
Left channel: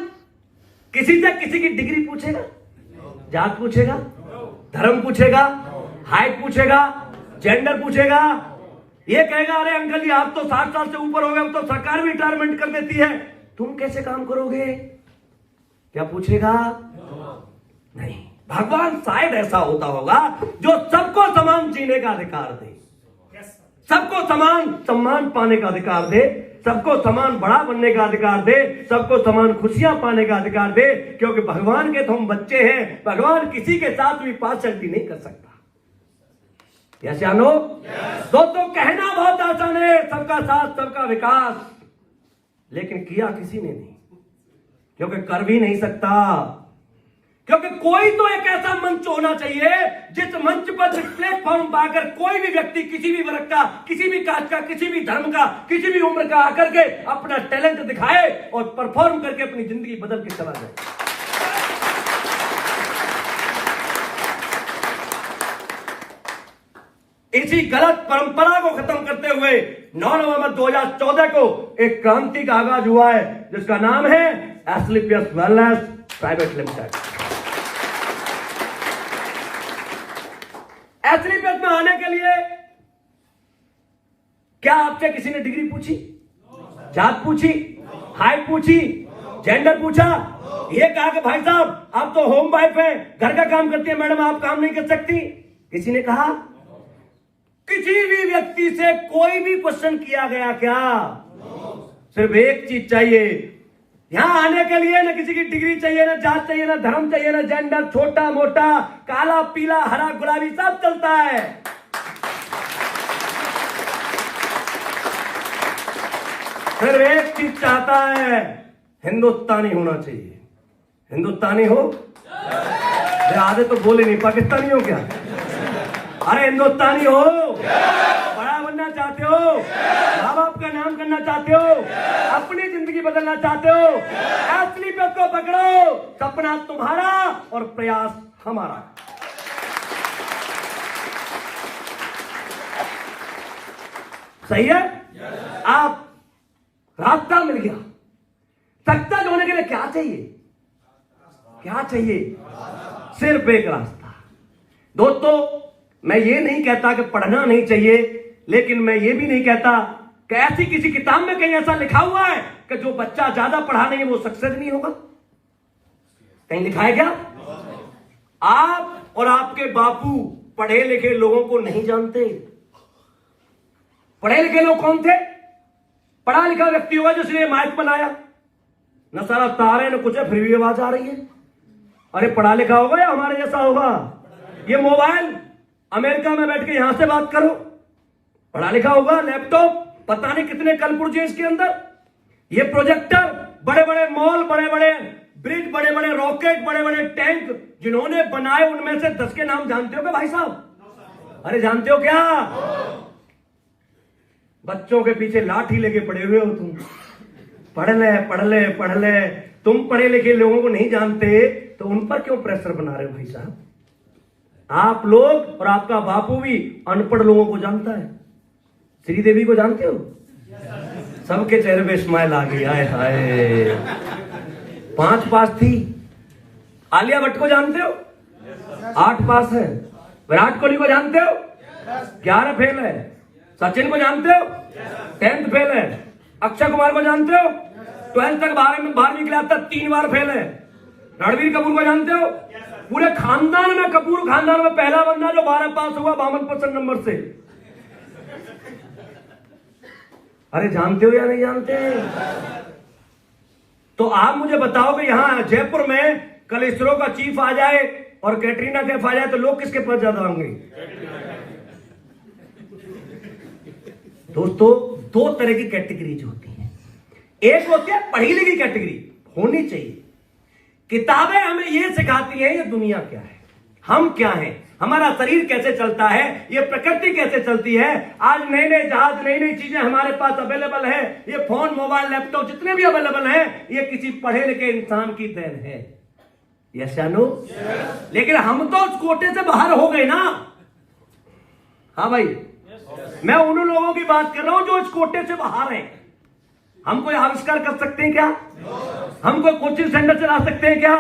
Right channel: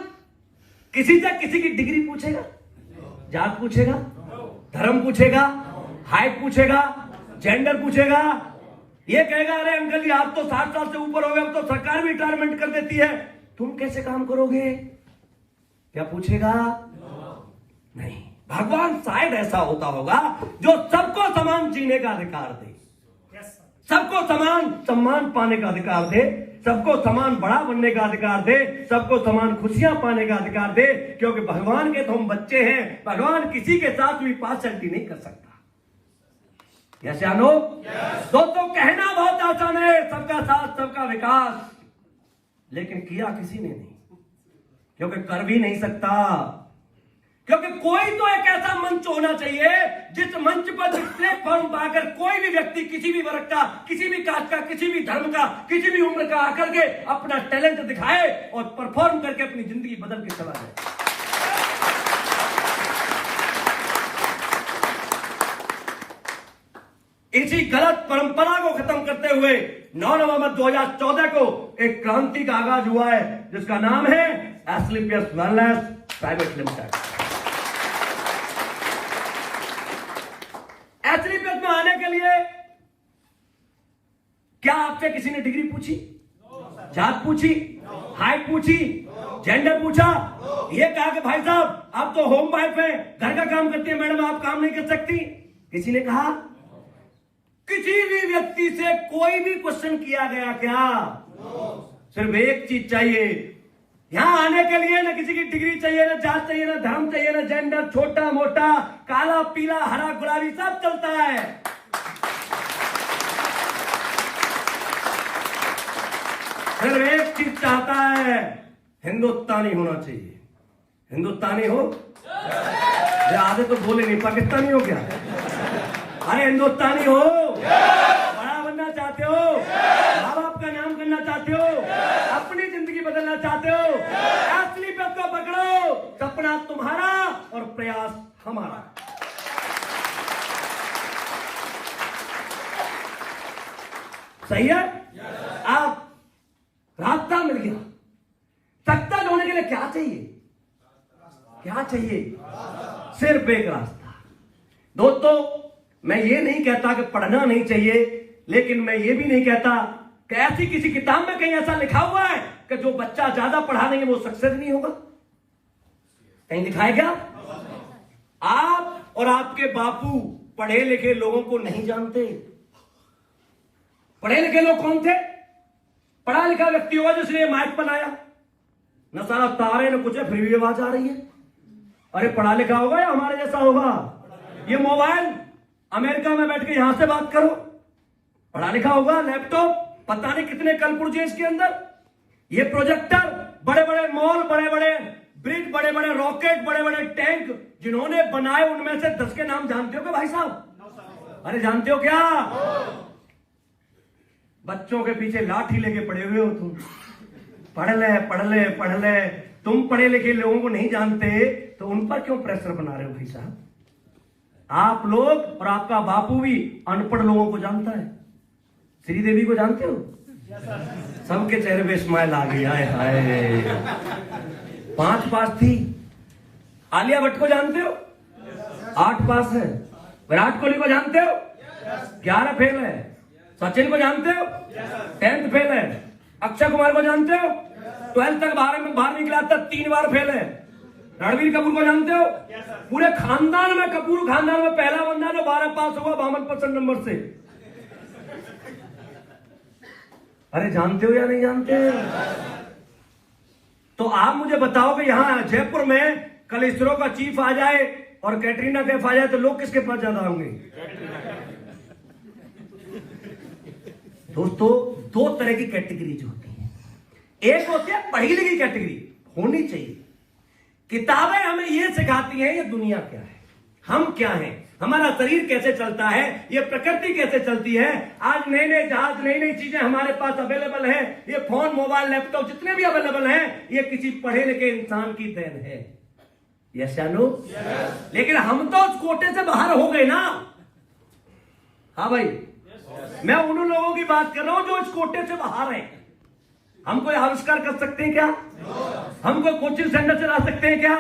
किसी से किसी की डिग्री पूछेगा? जात पूछेगा? धर्म पूछेगा? हाइट पूछेगा? जेंडर पूछेगा? ये कहेगा अरे अंकल जी आप तो 60 साल से ऊपर हो गए, अब तो सरकार भी रिटायरमेंट कर देती है, तुम कैसे काम करोगे? क्या पूछेगा? नहीं। भगवान शायद ऐसा होता होगा जो सबको समान जीने का अधिकार दे, सबको समान सम्मान पाने का अधिकार दे, सबको समान बड़ा बनने का अधिकार दे, सबको समान खुशियां पाने का अधिकार दे। क्योंकि भगवान के तो हम बच्चे हैं, भगवान किसी के साथ भी पार्शियलिटी नहीं कर सकता। यस या नो? दोस्तों कहना बहुत आसान है सबका साथ सबका विकास, लेकिन किया किसी ने नहीं, क्योंकि कर भी नहीं सकता। क्योंकि कोई तो एक ऐसा मंच होना चाहिए जिस मंच पर, जिस प्लेटफॉर्म पर आकर कोई भी व्यक्ति किसी भी वर्ग का, किसी भी कास्ट का, किसी भी धर्म का, किसी भी उम्र का आकर के अपना टैलेंट दिखाए और परफॉर्म करके अपनी जिंदगी बदल के चला जाए। इसी गलत परंपरा को खत्म करते हुए 9 नवंबर 2014 को एक क्रांति का आगाज हुआ है जिसका नाम है Asclepius wellness private limited. Asclepius में आने के लिए क्या आपसे किसी ने डिग्री पूछी? जात पूछी? हाइट पूछी? जेंडर पूछा? ये कहा कि भाई साहब आप तो होम वाइफ हैं, घर का काम करती है, मैडम आप काम नहीं कर सकती? किसी ने कहा? किसी भी व्यक्ति से कोई भी क्वेश्चन किया गया क्या? सिर्फ एक चीज चाहिए, यहां आने के लिए ना किसी की डिग्री चाहिए, ना जात चाहिए, ना धर्म चाहिए, ना जेंडर, छोटा मोटा, काला पीला हरा गुलाबी सब चलता है। सिर्फ एक चीज चाहता है, हिंदुस्तानी होना चाहिए। हिंदुस्तानी हो? आधे तो बोले नहीं, पाकिस्तानी हो क्या? अरे हिंदुस्तानी हो, बड़ा बनना चाहते हो, माँ बाप का नाम करना चाहते हो, अपनी जिंदगी बदलना चाहते हो, असली पे को पकड़ो, सपना तुम्हारा और प्रयास हमारा। सही है? आप रास्ता मिल गया। सक्सेस होने के लिए क्या चाहिए? क्या चाहिए? सिर्फ एक रास्ता। दोस्तों मैं ये नहीं कहता कि पढ़ना नहीं चाहिए, लेकिन मैं ये भी नहीं कहता कि ऐसी किसी किताब में कहीं ऐसा लिखा हुआ है कि जो बच्चा ज्यादा पढ़ा नहीं वो सक्सेस नहीं होगा। कहीं लिखा है क्या? आप और आपके बापू पढ़े लिखे लोगों को नहीं जानते। पढ़े लिखे लोग कौन थे? पढ़ा लिखा व्यक्ति होगा जिसने माइक बनाया, न सारा तार है न कुछ है, फिर भी आवाज आ रही है। अरे पढ़ा लिखा होगा या हमारे जैसा होगा? ये मोबाइल अमेरिका में बैठ के यहां से बात करो, पढ़ा लिखा होगा। लैपटॉप पता नहीं कितने कल पुर्जे इसके अंदर। ये प्रोजेक्टर, बड़े बड़े मॉल, बड़े बड़े ब्रिज, बड़े बड़े रॉकेट, बड़े बड़े टैंक जिन्होंने बनाए उनमें से 10 के नाम जानते हो क्या भाई साहब? अरे जानते हो क्या? बच्चों के पीछे लाठी लेके पड़े हुए हो तुम। पढ़ ले पढ़ ले पढ़ ले। तुम पढ़े लिखे लोगों को नहीं जानते तो उन पर क्यों प्रेशर बना रहे हो भाई साहब? आप लोग और आपका बापू भी अनपढ़ लोगों को जानता है। श्रीदेवी को जानते हो? सबके चेहरे पे स्माइल आ गई। हाय हाय, 5 पास थी। आलिया भट्ट को जानते हो? 8 पास है। विराट कोहली को जानते हो? 11 फेल है। सचिन को जानते हो? 10th फेल है। अक्षय कुमार को जानते हो? 12th तक 12वीं क्लास तक 3 बार फेल है। रणबीर कपूर को जानते हो? पूरे खानदान में, कपूर खानदान में पहला बंदा जो 12 पास हुआ 52% नंबर से। अरे जानते हो या नहीं जानते? तो आप मुझे बताओ कि यहां जयपुर में कल इसरो का चीफ आ जाए और कैटरीना कैफ आ जाए तो लोग किसके पास ज्यादा होंगे? दोस्तों, 2 तरह की कैटेगरीज होती हैं। एक होती है पढ़ी लिखी कैटेगरी, होनी चाहिए। किताबें हमें यह सिखाती हैं ये दुनिया क्या है, हम क्या हैं, हमारा शरीर कैसे चलता है, ये प्रकृति कैसे चलती है। आज नए नए जहाज, नई नई चीजें हमारे पास अवेलेबल है। ये फोन, मोबाइल, लैपटॉप जितने भी अवेलेबल हैं, ये किसी पढ़े लिखे इंसान की देन है। यस या नो? लेकिन हम तो उस कोटे से बाहर हो गए ना। हाँ भाई, मैं उन लोगों की बात कर रहा हूं जो इस कोटे से बाहर हैं। हम कोई आविष्कार कर सकते हैं क्या? हम कोई कोचिंग सेंटर चला सकते हैं क्या?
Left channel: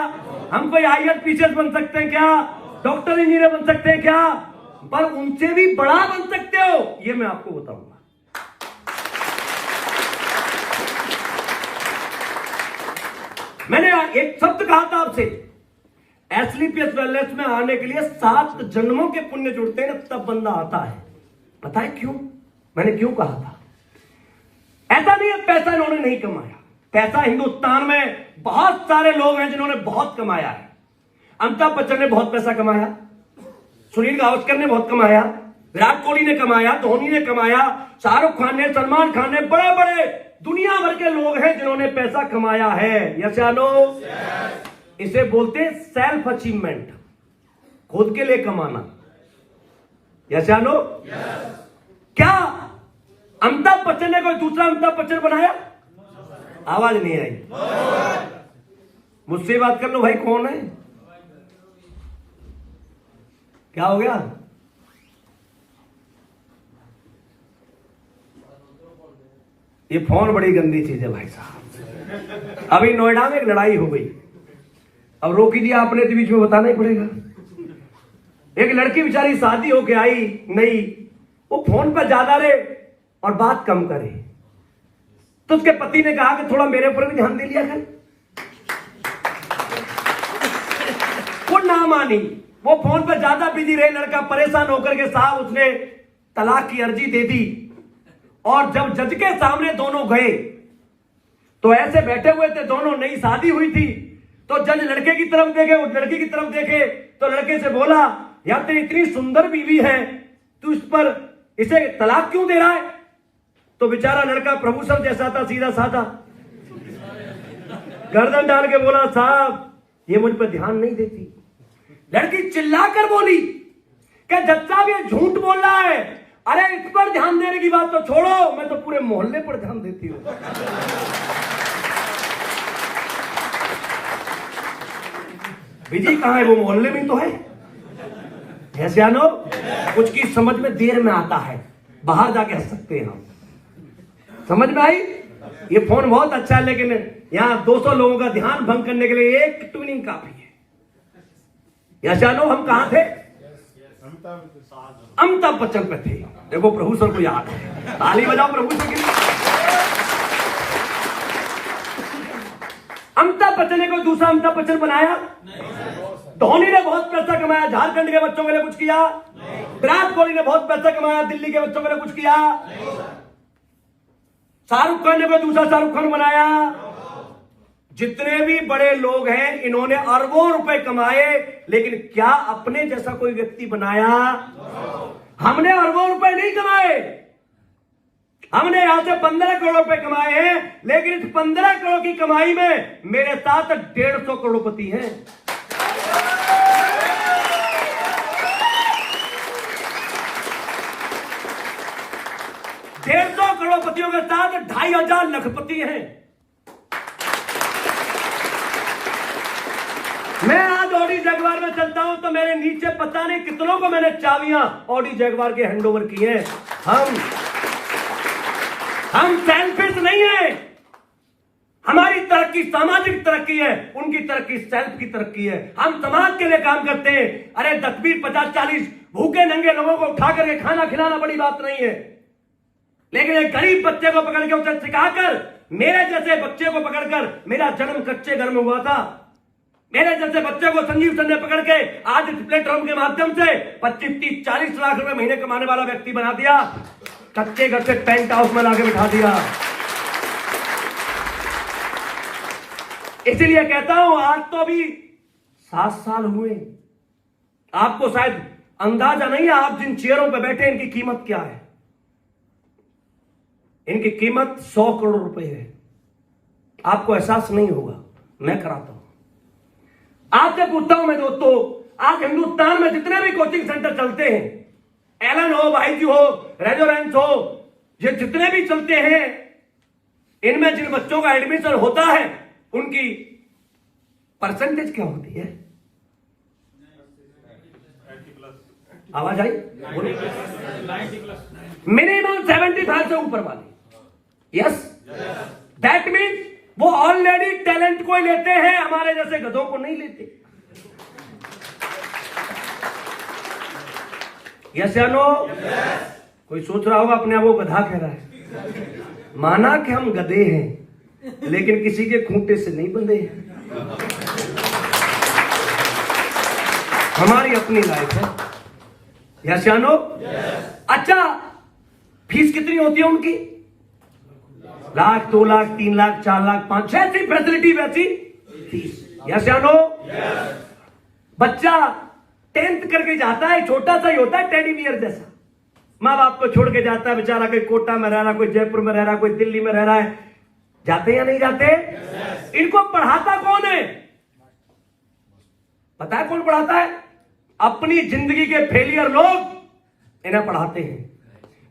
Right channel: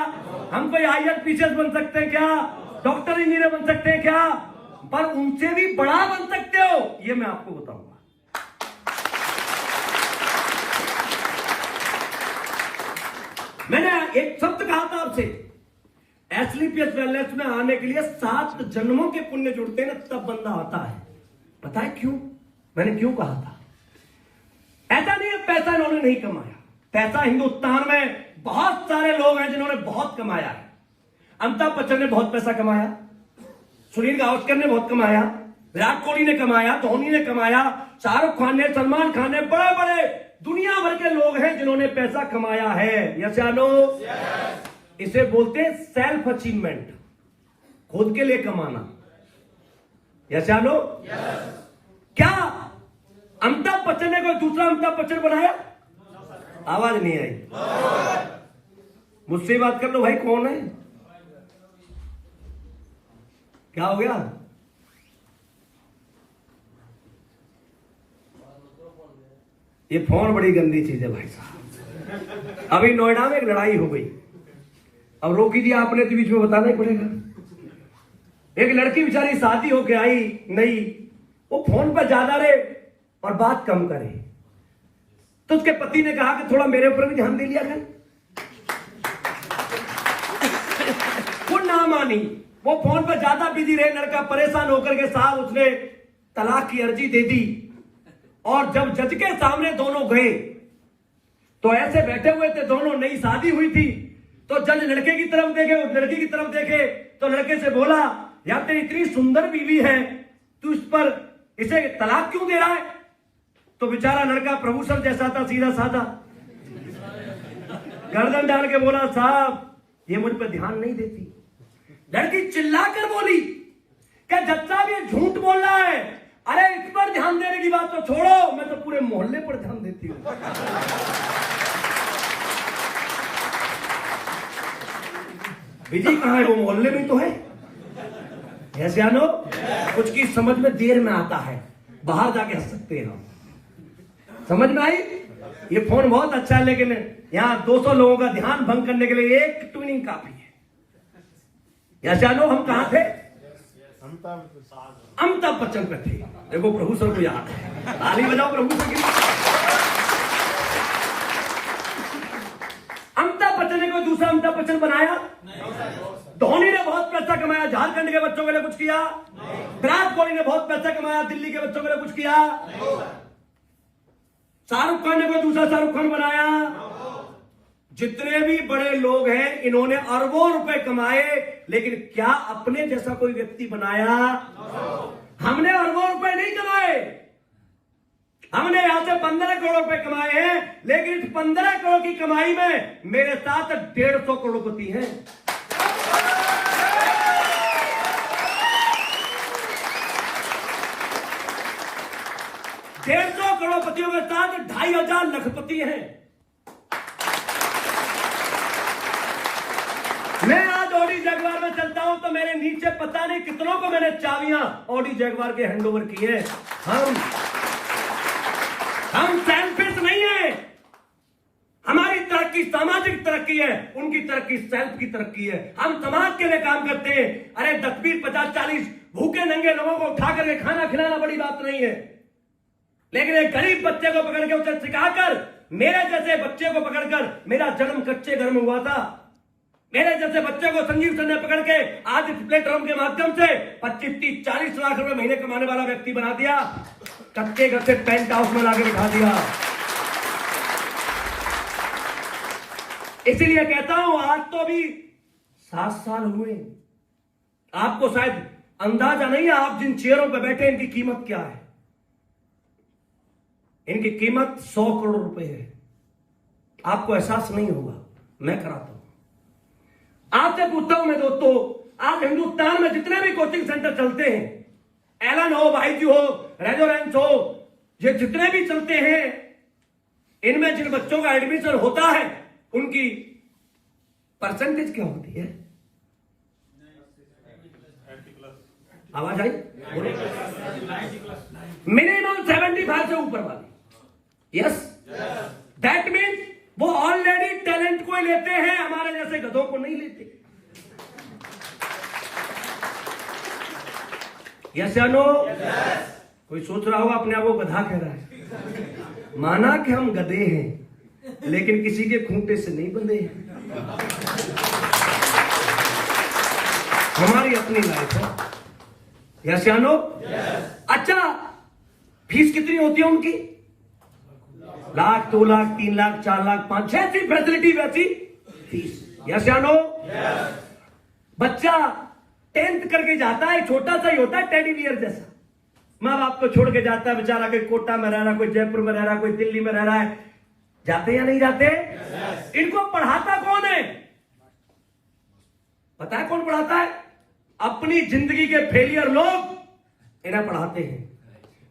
हम कोई IAS PCS बन सकते हैं क्या? डॉक्टर इंजीनियर बन सकते हैं क्या? पर उनसे भी बड़ा बन सकते हो, ये मैं आपको बताऊंगा। मैंने एक शब्द कहा था आपसे, एसलीपीएस वेलनेस में आने के लिए 7 जन्मों के पुण्य जुड़ते हैं, तब बंदा आता है। पता है क्यों? मैंने क्यों कहा था? ऐसा नहीं है पैसा इन्होंने नहीं कमाया। पैसा हिंदुस्तान में बहुत सारे लोग हैं जिन्होंने बहुत कमाया है। अमिताभ बच्चन ने बहुत पैसा कमाया, सुनील गावस्कर ने बहुत कमाया, विराट कोहली ने कमाया, धोनी ने कमाया, शाहरुख खान ने, सलमान खान ने, बड़े बड़े दुनिया भर के लोग हैं जिन्होंने पैसा कमाया है। यस या नो? इसे बोलते हैं सेल्फ अचीवमेंट, खुद के लिए कमाना। यस या नो? क्या अमिताभ बच्चन ने कोई दूसरा अमिताभ बच्चन बनाया? आवाज नहीं आई। मुझसे बात कर लो भाई, कौन है? क्या हो गया? ये फोन बड़ी गंदी चीज है भाई साहब। अभी नोएडा में एक लड़ाई हो गई, अब रोकी जी आपने तो बीच में बताना ही पड़ेगा। एक लड़की बेचारी शादी होके आई नहीं, वो फोन पे ज्यादा रहे और बात कम करे, तो उसके पति ने कहा कि थोड़ा मेरे ऊपर भी ध्यान दे लिया कर। वो ना मानी, वो फोन पर ज्यादा बिजी रहे। लड़का परेशान होकर के साहब उसने तलाक की अर्जी दे दी। और जब जज के सामने दोनों गए तो ऐसे बैठे हुए थे दोनों, नई शादी हुई थी। तो जज लड़के की तरफ देखे, उस लड़की की तरफ देखे तो लड़के से बोला, यार तेरी इतनी सुंदर बीवी है, तू इसे तलाक क्यों दे रहा है? तो बेचारा लड़का प्रभु सर जैसा था, सीधा साधा, गर्दन डाल के बोला, साहब ये मुझ पर ध्यान नहीं देती। लड़की चिल्लाकर बोली कि जज साहब ये झूठ बोल रहा है। अरे इस पर ध्यान देने की बात तो छोड़ो, मैं तो पूरे मोहल्ले पर ध्यान देती हूं। बिजी कहां है? वो मोहल्ले में तो है। ऐसे जानो, कुछ की समझ में देर में आता है, बाहर जाके हंस सकते हैं हम। समझ में आई? ये फोन बहुत अच्छा है, लेकिन यहां 200 लोगों का ध्यान भंग करने के लिए एक ट्यूनिंग काफी है। या जानो, हम कहां थे? अमिताभ बच्चन पे थे। देखो प्रभु सर को याद है, ताली बजाओ प्रभु सर की। अमिताभ बच्चन ने कोई दूसरा अमिताभ बच्चन बनाया? धोनी ने बहुत पैसा कमाया, झारखंड के बच्चों के लिए कुछ किया? विराट कोहली ने बहुत पैसा कमाया, दिल्ली के बच्चों के लिए कुछ किया? शाहरुख खान ने कोई दूसरा शाहरुख खान बनाया? जितने भी बड़े लोग हैं इन्होंने अरबों रुपए कमाए, लेकिन क्या अपने जैसा कोई व्यक्ति बनाया? हमने अरबों रुपए नहीं कमाए। हमने यहां से 15 करोड़ रुपए कमाए हैं, लेकिन इस 15 करोड़ की कमाई में मेरे साथ 150 करोड़पति हैं। 150 करोड़पतियों के साथ 2500 लखपति हैं। मैं आज ऑडी जगुआर में चलता हूं तो मेरे नीचे पता नहीं कितनों को मैंने चाबियां ऑडी जगुआर के हैंडओवर की हैं। हम सेल्फिश नहीं है। हमारी तरक्की सामाजिक तरक्की है, उनकी तरक्की सेल्फ की तरक्की है। हम समाज के लिए काम करते हैं। अरे 10-20, 50-40 भूखे नंगे लोगों को उठा करके खाना खिलाना बड़ी बात नहीं है, लेकिन एक गरीब बच्चे को पकड़ के उसे सिखाकर, मेरे जैसे बच्चे को पकड़कर, मेरा जन्म कच्चे घर में हुआ था, मेरे जैसे बच्चे को संजीव सर ने पकड़ के आज इस प्लेटफॉर्म के माध्यम से 25-30-40 लाख रुपए महीने कमाने वाला व्यक्ति बना दिया। कच्चे घर से टेंट हाउस में लाके बिठा दिया। इसीलिए कहता हूं आज तो अभी 7 साल हुए। आपको शायद अंदाजा नहीं है, आप जिन चेयरों पर बैठे इनकी कीमत क्या है। इनकी कीमत 100 करोड़ रुपए है। आपको एहसास नहीं होगा, मैं कराता हूं। आपसे पूछता हूं मैं दोस्तों, आज हिंदुस्तान में जितने भी कोचिंग सेंटर चलते हैं, एलन हो, बाईजी हो, रेजोरेंस हो, ये जितने भी चलते हैं, इनमें जिन बच्चों का एडमिशन होता है उनकी परसेंटेज क्या होती है? आवाज आई? मिनिमम 75 से ऊपर वाली। यस, दैट मीन्स वो ऑलरेडी टैलेंट को लेते हैं, हमारे जैसे गधों को नहीं लेते। यस या नो? कोई सोच रहा होगा अपने आप को गधा कह रहा है। माना कि हम गधे हैं, लेकिन किसी के खूंटे से नहीं बंधे हैं। हमारी अपनी लाइफ है। यस या नो? अच्छा, फीस कितनी होती है उनकी? 1 लाख, 2 लाख, 3 लाख, 4 लाख, 5, जैसी फैसिलिटी वैसी फीस। यस या नो? बच्चा 10th करके जाता है, छोटा सा ही होता है, टेडी बियर जैसा। माँ बाप को छोड़ के जाता है बेचारा, कोई कोटा में रह रहा, कोई जयपुर में रह रहा, कोई दिल्ली में रह रहा है। जाते या नहीं जाते? इनको पढ़ाता कौन है? पता है कौन पढ़ाता है? अपनी जिंदगी के फेलियर लोग इन्हें पढ़ाते हैं।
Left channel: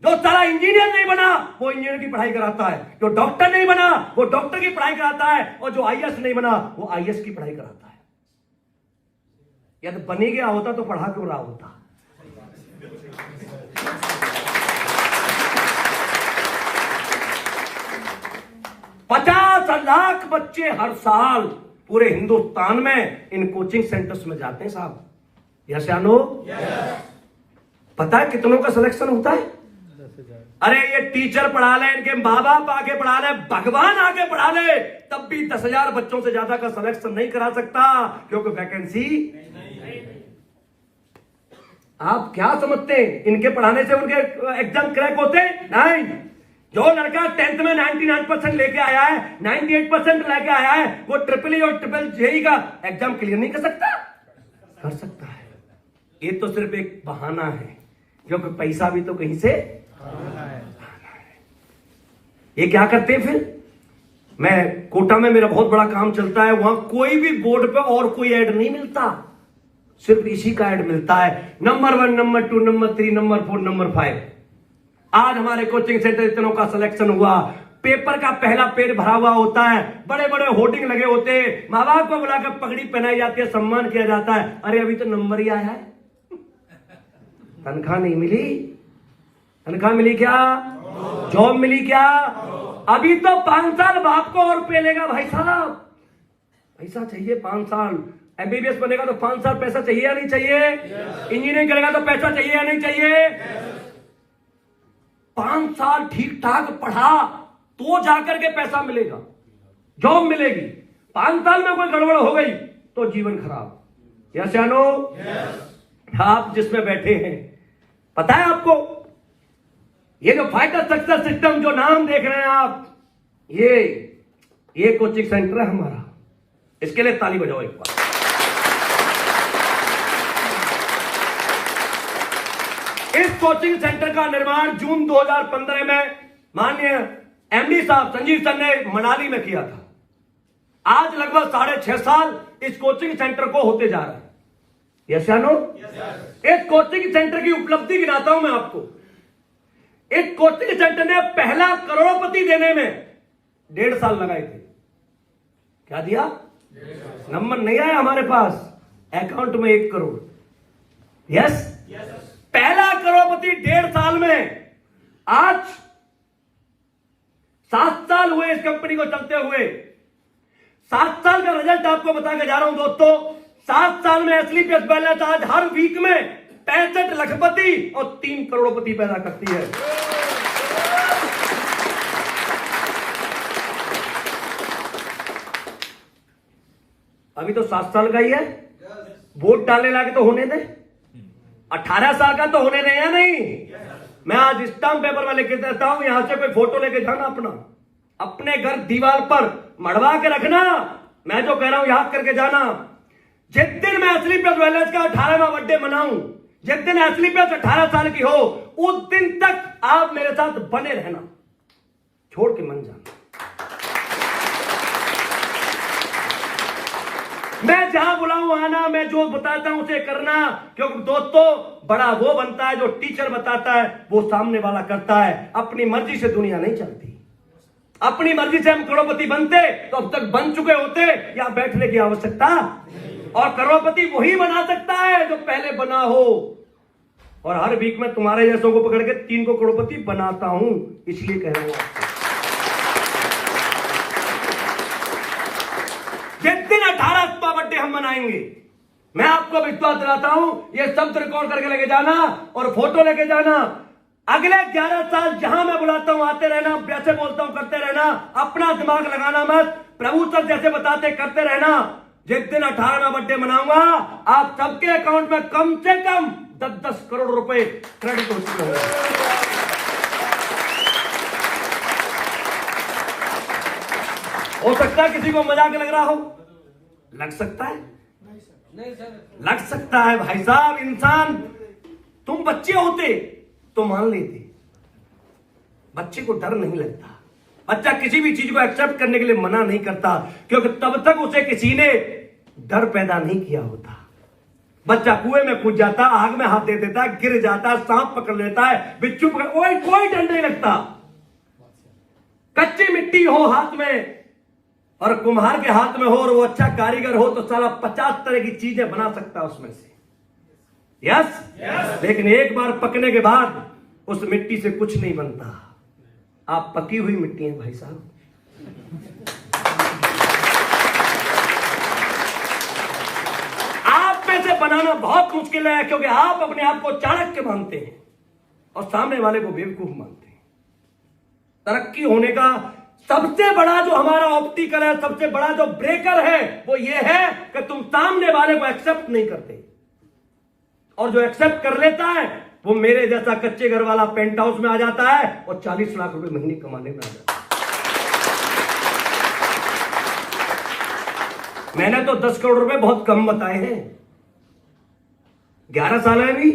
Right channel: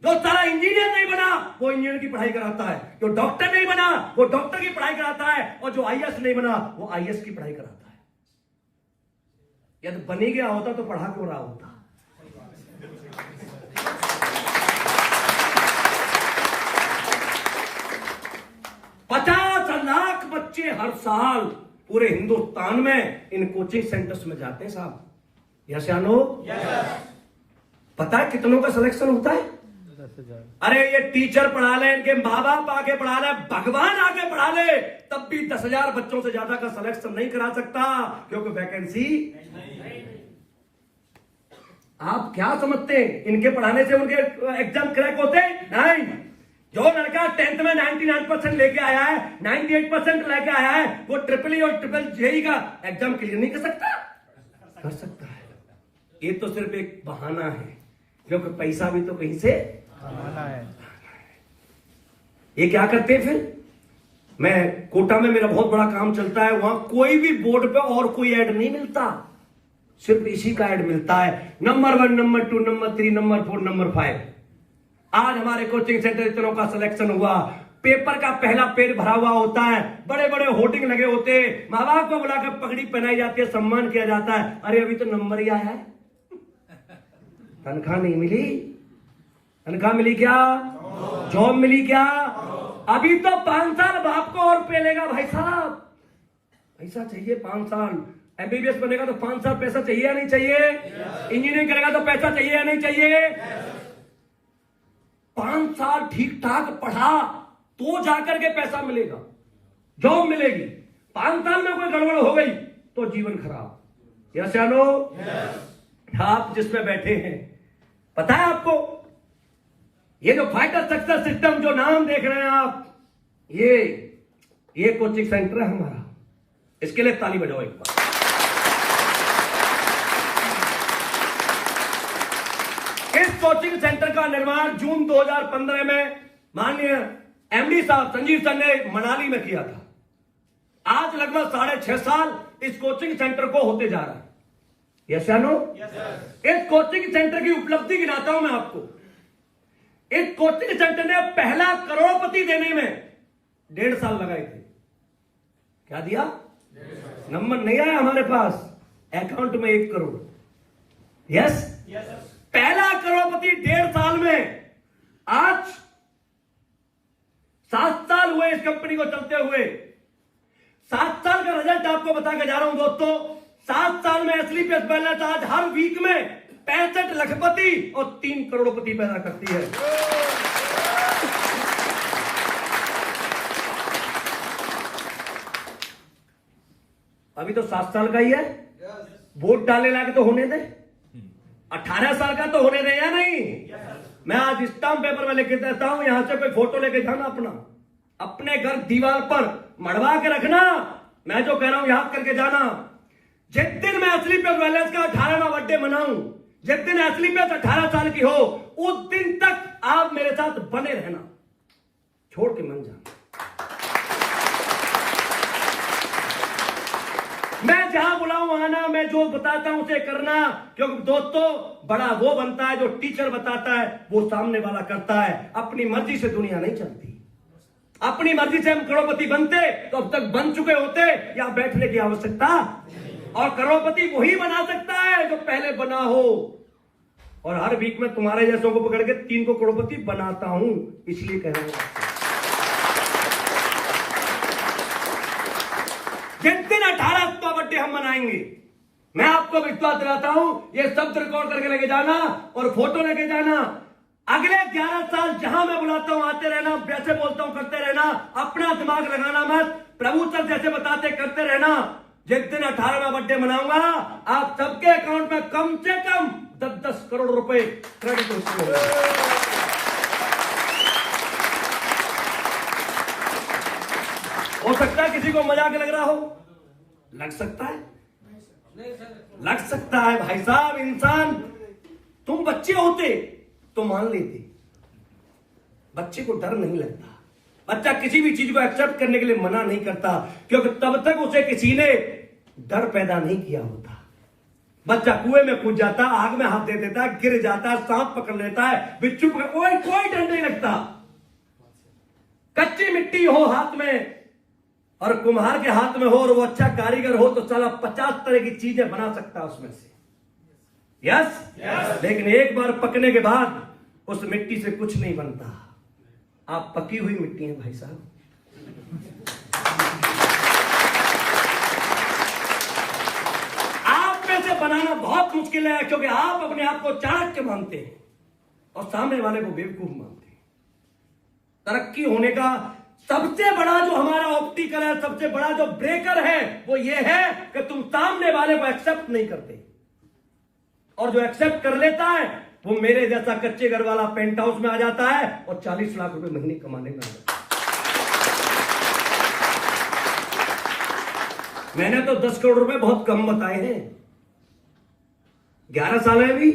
जो सारा इंजीनियर नहीं बना वो इंजीनियर की पढ़ाई कराता है, जो डॉक्टर नहीं बना वो डॉक्टर की पढ़ाई कराता है, और जो आईएएस नहीं बना वो आईएएस की पढ़ाई कराता है। यदि बन ही गया होता तो पढ़ा क्यों रहा होता? $50 लाख बच्चे हर साल पूरे हिंदुस्तान में इन कोचिंग सेंटर्स में जाते हैं साहब। यस या नो? पता है कितनों का सिलेक्शन होता है? 10,000। अरे ये टीचर पढ़ा ले, इनके माँ बाप आके पढ़ा ले, भगवान आके पढ़ा ले, तब भी 10,000 बच्चों से ज्यादा का सिलेक्शन नहीं करा सकता, क्योंकि वैकेंसी नहीं। आप क्या समझते हैं इनके पढ़ाने से उनके एग्जाम क्रैक होते? नहीं। जो लड़का 10th में 99% लेके आया है, 98% लेके आया है, वो ट्रिपल और ट्रिपल जेई का एग्जाम क्लियर नहीं कर सकता? कर सकता है। ये तो सिर्फ एक बहाना है, क्योंकि पैसा भी तो कहीं से ये क्या करते हैं फिर? मैं कोटा में मेरा बहुत बड़ा काम चलता है, वहां कोई भी बोर्ड पे और कोई ऐड नहीं मिलता, सिर्फ इसी का ऐड मिलता है। Number 1, number 2, number 3, number 4, number 5। आज हमारे कोचिंग सेंटर इतनों का सिलेक्शन हुआ, पेपर का पहला पेज भरा हुआ होता है, बड़े बड़े होर्डिंग लगे होते हैं, माँ बाप को बुलाकर पगड़ी पहनाई जाती है, सम्मान किया जाता है। अरे अभी तो नंबर ही आया है, तनख्वाह नहीं मिली। तनख्वाह मिली क्या? जॉब मिली क्या? अभी तो 5 साल बाप को और पेलेगा भाई साहब। पैसा चाहिए 5 साल। एमबीबीएस बनेगा तो 5 साल पैसा चाहिए या नहीं चाहिए? इंजीनियरिंग करेगा तो पैसा चाहिए या नहीं चाहिए? 5 साल ठीक ठाक पढ़ा तो जाकर के पैसा मिलेगा, जॉब मिलेगी। 5 साल में कोई गड़बड़ हो गई तो जीवन खराब। यस या नो? आप जिसमें बैठे हैं, पता है आपको, ये जो फाइटर सक्सेस सिस्टम जो नाम देख रहे हैं आप, ये कोचिंग सेंटर है हमारा। इसके लिए ताली बजाओ एक बार। इस कोचिंग सेंटर का निर्माण जून 2015 में माननीय एमडी साहब संजीव सर ने मनाली में किया था। आज लगभग 6.5 साल इस कोचिंग सेंटर को होते जा रहा है। यस या नो? इस कोचिंग सेंटर की उपलब्धि गिनाता हूं मैं आपको। इस कोचिंग सेंटर ने पहला करोड़पति देने में 1.5 साल लगाए थे। क्या दिया? नंबर नहीं आया हमारे पास, अकाउंट में 1 करोड़। यस, पहला करोड़पति 1.5 साल में। आज 7 साल हुए इस कंपनी को चलते हुए। 7 साल का रिजल्ट आपको बता के जा रहा हूं दोस्तों। 7 साल में एसलीपीएस बैलेंस आज हर वीक में 65 लखपति और 3 करोड़पति पैदा करती है। अभी तो 7 साल का ही है, वोट डालने लाके तो होने दे। 18 साल का तो होने दे या नहीं? मैं आज स्टाम्प पेपर में लिख देता हूं, यहां से कोई फोटो लेके जाना अपने घर दीवार पर मढ़वा के रखना। मैं जो कह रहा हूं याद करके जाना। जिस दिन मैं एसलीपीएस बैलेंस का 18वां बर्थडे मनाऊं, जिस दिन एसलीपीएस 18 साल की हो, उस दिन तक आप मेरे साथ बने रहना, छोड़ के मन जाना। मैं जहां बुलाऊं आना, मैं जो बताता हूं उसे करना। क्योंकि दोस्तों, बड़ा वो बनता है जो टीचर बताता है, वो सामने वाला करता है। अपनी मर्जी से दुनिया नहीं चलती। अपनी मर्जी से हम करोड़पति बनते तो अब तक बन चुके होते, या बैठने की आवश्यकता। और करोड़पति वही बना सकता है जो पहले बना हो। और हर वीक में तुम्हारे जैसों को पकड़ के 3 को करोड़पति बनाता हूं, इसलिए कह रहा हूं आपको। जिस दिन 18वां बर्थडे हम मनाएंगे, मैं आपको विश्वास दिलाता हूं, ये सब रिकॉर्ड करके लेके जाना और फोटो लेके जाना। अगले 11 साल जहां मैं बुलाता हूं आते रहना, जैसे बोलता हूं करते रहना। अपना दिमाग लगाना मत, प्रभु सर जैसे बताते करते रहना। जिस दिन 18वां बर्थडे मनाऊंगा, आप सबके अकाउंट में कम से कम 10-10 करोड़ रुपए क्रेडिट हो चुके होंगे। हो सकता है किसी को मजाक लग रहा हो, लग सकता है, लग सकता है भाई साहब। इंसान, तुम बच्चे होते तो मान लेते। बच्चे को डर नहीं लगता। बच्चा किसी भी चीज को एक्सेप्ट करने के लिए मना नहीं करता, क्योंकि तब तक उसे किसी ने डर पैदा नहीं किया होता। बच्चा कुएं में कूद जाता, आग में हाथ दे देता, गिर जाता, सांप पकड़ लेता है, बिच्छू पकड़, कोई डर नहीं लगता। कच्ची मिट्टी हो हाथ में और कुम्हार के हाथ में हो, और वो अच्छा कारीगर हो, तो साला 50 तरह की चीजें बना सकता है उसमें से। यस, लेकिन एक बार पकने के बाद उस मिट्टी से कुछ नहीं बनता। आप पकी हुई मिट्टी हैं भाई साहब। आप में से बनाना बहुत मुश्किल है, क्योंकि आप अपने आप को चाणक्य मानते हैं और सामने वाले को बेवकूफ मानते हैं। तरक्की होने का सबसे बड़ा जो हमारा ऑप्टिकल है, सबसे बड़ा जो ब्रेकर है, वो ये है कि तुम सामने वाले को एक्सेप्ट नहीं करते। और जो एक्सेप्ट कर लेता है, वो मेरे जैसा कच्चे घर वाला पेंट हाउस में आ जाता है और 40 लाख रुपए महीने कमाने में आ जाता है। मैंने तो 10 करोड़ रुपए बहुत कम बताए हैं। 11 साल में भी,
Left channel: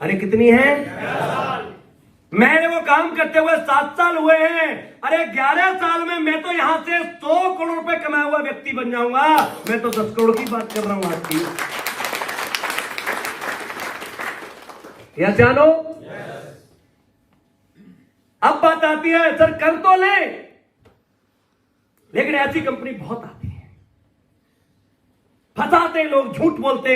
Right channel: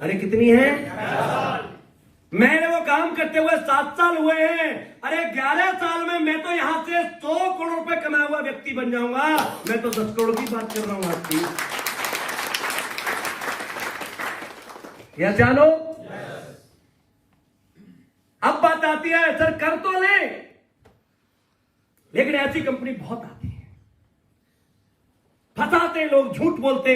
अरे कितनी है? मैंने वो काम करते हुए 7 साल हुए हैं। अरे 11 साल में मैं तो यहां से 100 करोड़ रुपए कमाया हुआ व्यक्ति बन जाऊंगा। मैं तो 10 करोड़ की बात कर रहा हूं आपकी। यह जानो। अब बात आती है, सर कर तो ले, लेकिन ऐसी कंपनी बहुत आती है, फंसाते लोग, झूठ बोलते,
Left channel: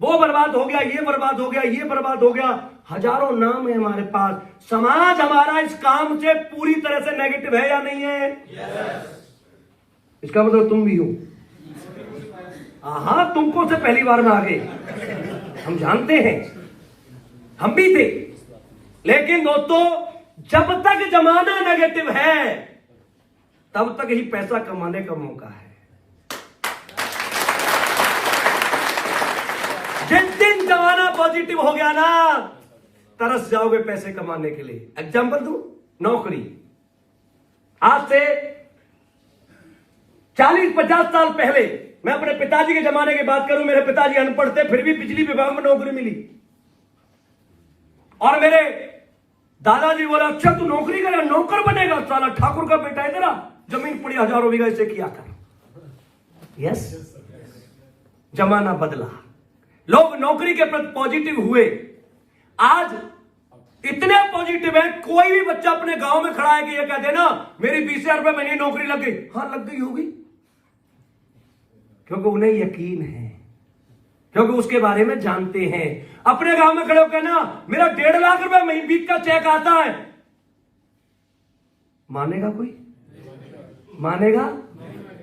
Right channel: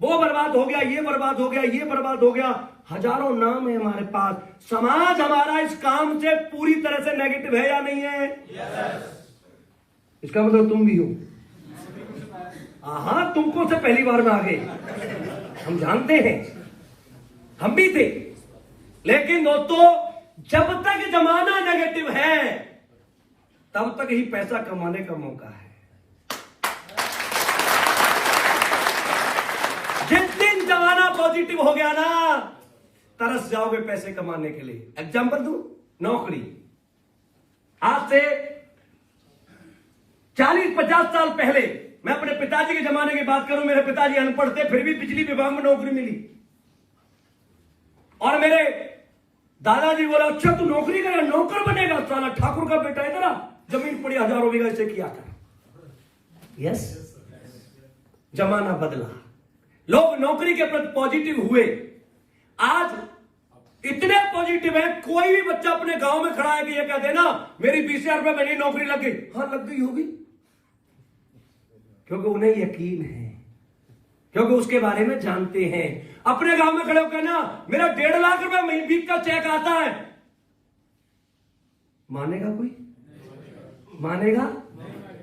वो बर्बाद हो गया, ये बर्बाद हो गया, ये बर्बाद हो गया। हजारों नाम है हमारे पास। समाज हमारा इस काम से पूरी तरह से नेगेटिव है या नहीं है? इसका मतलब तुम भी हो। हाँ, तुमको से पहली बार में आ गए, हम जानते हैं, हम भी थे। लेकिन दोस्तों, जब तक जमाना नेगेटिव है, तब तक ही पैसा कमाने का मौका है। जिस दिन जमाना पॉजिटिव हो गया ना, तरस जाओगे पैसे कमाने के लिए। एग्जाम्पल दूं, नौकरी। आज से 40-50 साल पहले, मैं अपने पिताजी के जमाने की बात करूं, मेरे पिताजी अनपढ़ थे, फिर भी बिजली विभाग में नौकरी मिली। और मेरे दादाजी बोला, अच्छा तू नौकरी कर, नौकर बनेगा, साला ठाकुर का बेटा है तेरा, जमीन पड़ी हजारों बीघा, इसे किया कर। यस, जमाना बदला, लोग नौकरी के प्रति पॉजिटिव हुए। आज इतने पॉजिटिव है, कोई भी बच्चा अपने गांव में खड़ा है कि ये कहते ना मेरी 20,000 रुपए महीने नौकरी लग गई, हाँ लग गई होगी, क्योंकि उन्हें यकीन है, क्योंकि उसके बारे में जानते हैं। अपने गांव में खड़े होकर ना मेरा 1.5 लाख रुपए महीने का चेक आता है, मानेगा कोई? मानेगा?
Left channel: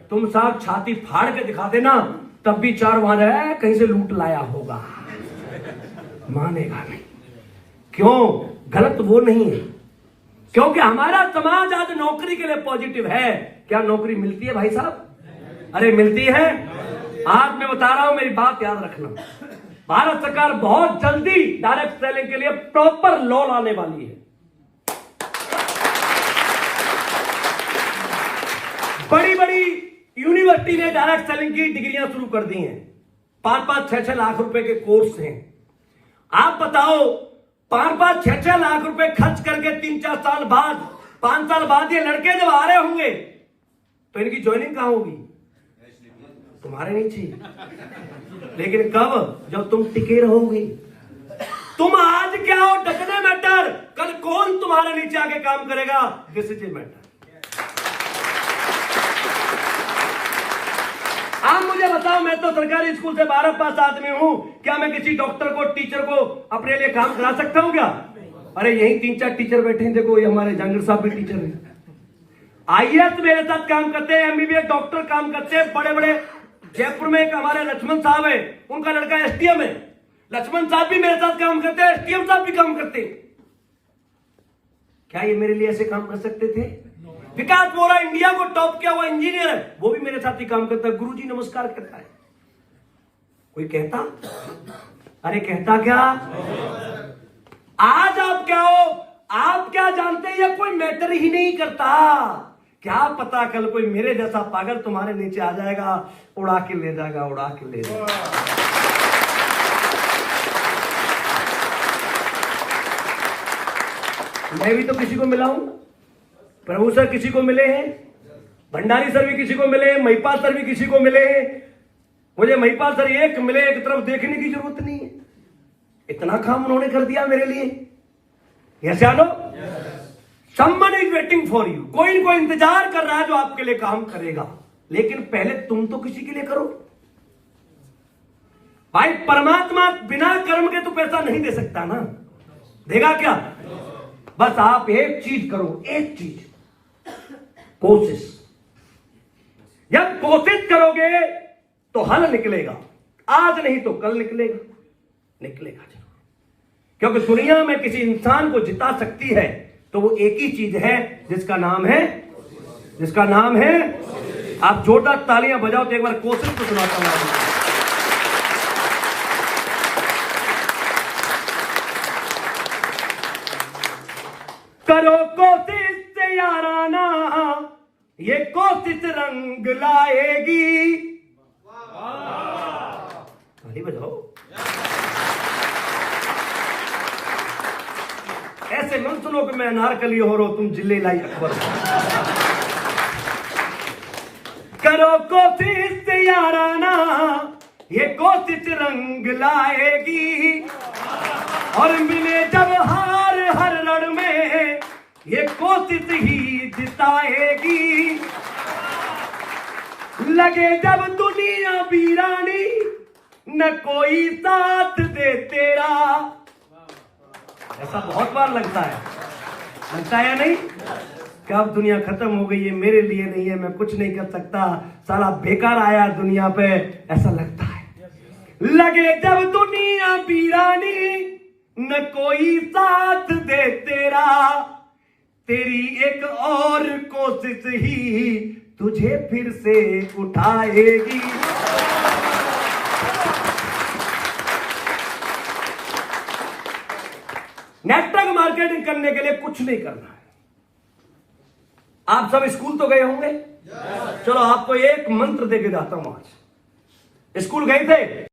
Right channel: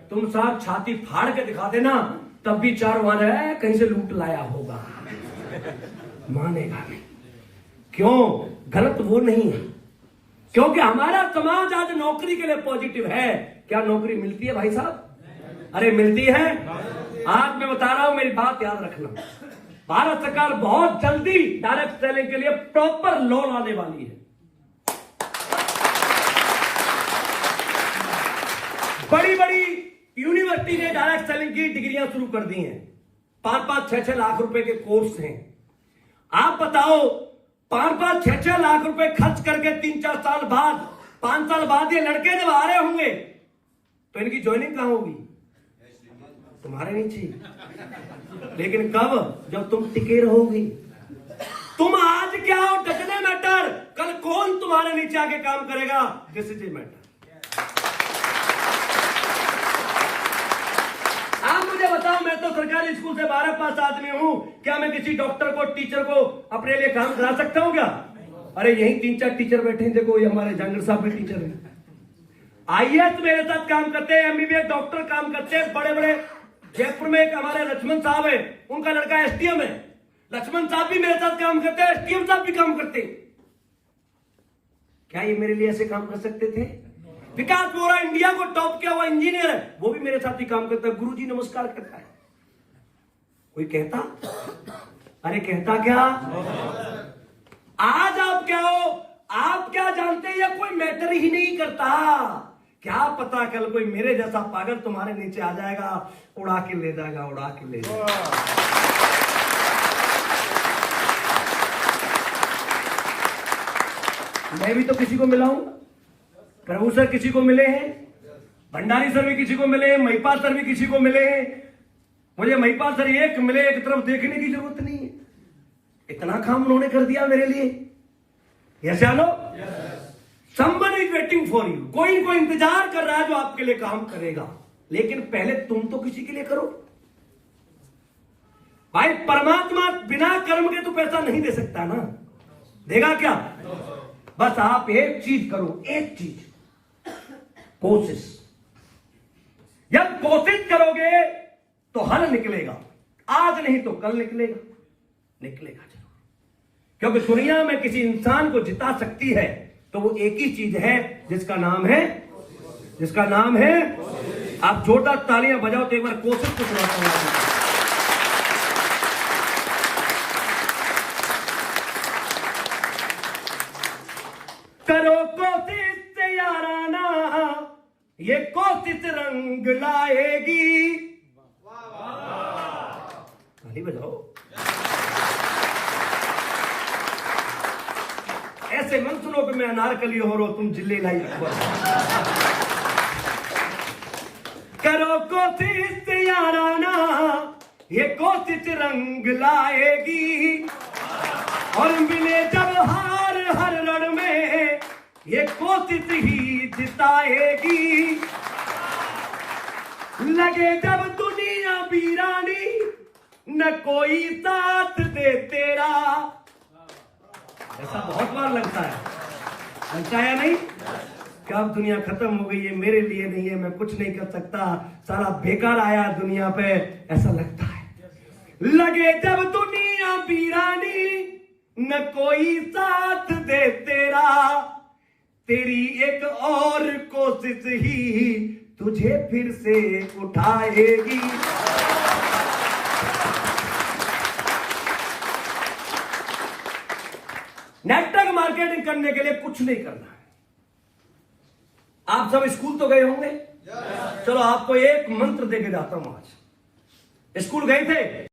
तुम साथ छाती फाड़ के दिखा देना, तब भी 4 वार है कहीं से लूट लाया होगा, मानेगा नहीं। क्यों? गलत वो नहीं है, क्योंकि हमारा समाज आज नौकरी के लिए पॉजिटिव है। क्या नौकरी मिलती है भाई साहब? अरे मिलती है। आज मैं बता रहा हूं, मेरी बात याद रखना, भारत सरकार बहुत जल्दी डायरेक्ट सेलिंग के लिए प्रॉपर लॉ लाने वाली है। बड़ी बड़ी यूनिवर्सिटी ने डायरेक्ट सेलिंग की डिग्रियां शुरू कर दी हैं, 5-5, 6-6 लाख रुपए के कोर्स हैं। आप बताओ, 5-5, 6-6 लाख रुपए खर्च करके 3-4 साल बाद, 5 साल बाद ये लड़के जब आ रहे होंगे तो इनकी ज्वाइनिंग कहां होगी? तुम्हारे नीचे। लेकिन कब? जब तुम टिके रहोगे। तुम आज क्या हो, डकने मैटर, कल कौन तुम्हारे नीचे आके काम करेगा, दिस इज ए मैटर। आप मुझे बताओ, मैं तो सरकारी स्कूल से 12 पास आदमी हूं, क्या मैं किसी डॉक्टर को, टीचर को अपने लिए काम करा सकता हूं क्या? अरे यही 3-4 टीचर बैठे हैं, देखो ये हमारे जंगल साहब भी टीचर हैं, आईएएस मेरे साथ काम करते हैं, एमबीबीएस डॉक्टर काम करते हैं, बड़े बड़े, जयपुर में एक हमारे लक्ष्मण साहब है, उनका लड़का एसडीएम है, लक्ष्मण साहब भी मेरे साथ काम करते हैं, एसडीएम साहब भी काम करते हैं। क्या ये मेरे लिए ऐसे काम कर सकते थे? विकास बोरा इंडिया को टॉप किया हुआ इंजीनियर है, वो भी मेरे साथ ही काम करता है, गुरुजी नमस्कार करता है। कोई कहता? अरे कहता क्या? आज आप क्या हो, आप क्या जानते हैं, ये कोई मैटर ही नहीं करता। क्या पता कल कोई मेरे जैसा पागल तुम्हारे नीचे आ जाएगा, उड़ा के ले जाएगा, उड़ा के ले जाएगा। मैं भी तो किसी को मिला हूं, प्रभु सर किसी को मिले हैं, भंडारी सर भी किसी को मिले हैं, महिपाल सर भी किसी को मिले हैं। मुझे महिपाल सर एक मिले, एक तरफ देखने की जरूरत नहीं है, इतना काम उन्होंने कर दिया मेरे लिए। यस या no? Someone is waiting for you, कोई इनको इंतजार कर रहा है जो आपके लिए काम करेगा, लेकिन पहले तुम तो किसी के लिए करो भाई। परमात्मा बिना कर्म के तो पैसा नहीं दे सकता ना, देगा क्या? बस आप एक चीज करो, एक चीज, कोशिश। जब कोशिश करोगे तो हल निकलेगा, आज नहीं तो कल निकलेगा, निकलेगा जरूर। क्योंकि दुनिया में किसी इंसान को जिता सकती है तो वो एक ही चीज है, जिसका नाम है, आप जोरदार तालियां बजाओ तो एक बार कोशिश तो सुनाता हूं। करो कोशिश से याराना, ये कोशिश रंग लाएगी। ताली बजाओ। ऐसे मत सुनो कि मैं अनारकली हो रहा हूं, तुम जिले लाई अकबर। करो कोशिश से याराना, ये कोशिश रंग लाएगी, और मिले जब हार हर रण में, ये कोशिश ही जिताएगी। लगे जब दुनिया वीरानी, न कोई साथ दे तेरा। ऐसा बहुत बार लगता है या नहीं? कि अब दुनिया खत्म हो गई है, मेरे लिए नहीं है, मैं कुछ नहीं कर सकता, साला बेकार आया दुनिया पे, ऐसा लगता है। लगे जब दुनिया वीरानी, न कोई साथ दे तेरा, तेरी एक और कोशिश ही तुझे फिर से उठाएगी। नेटवर्क मार्केटिंग करने के लिए कुछ नहीं करना है। आप सब स्कूल तो गए होंगे, चलो आपको एक मंत्र देके जाता हूं आज। स्कूल गए थे?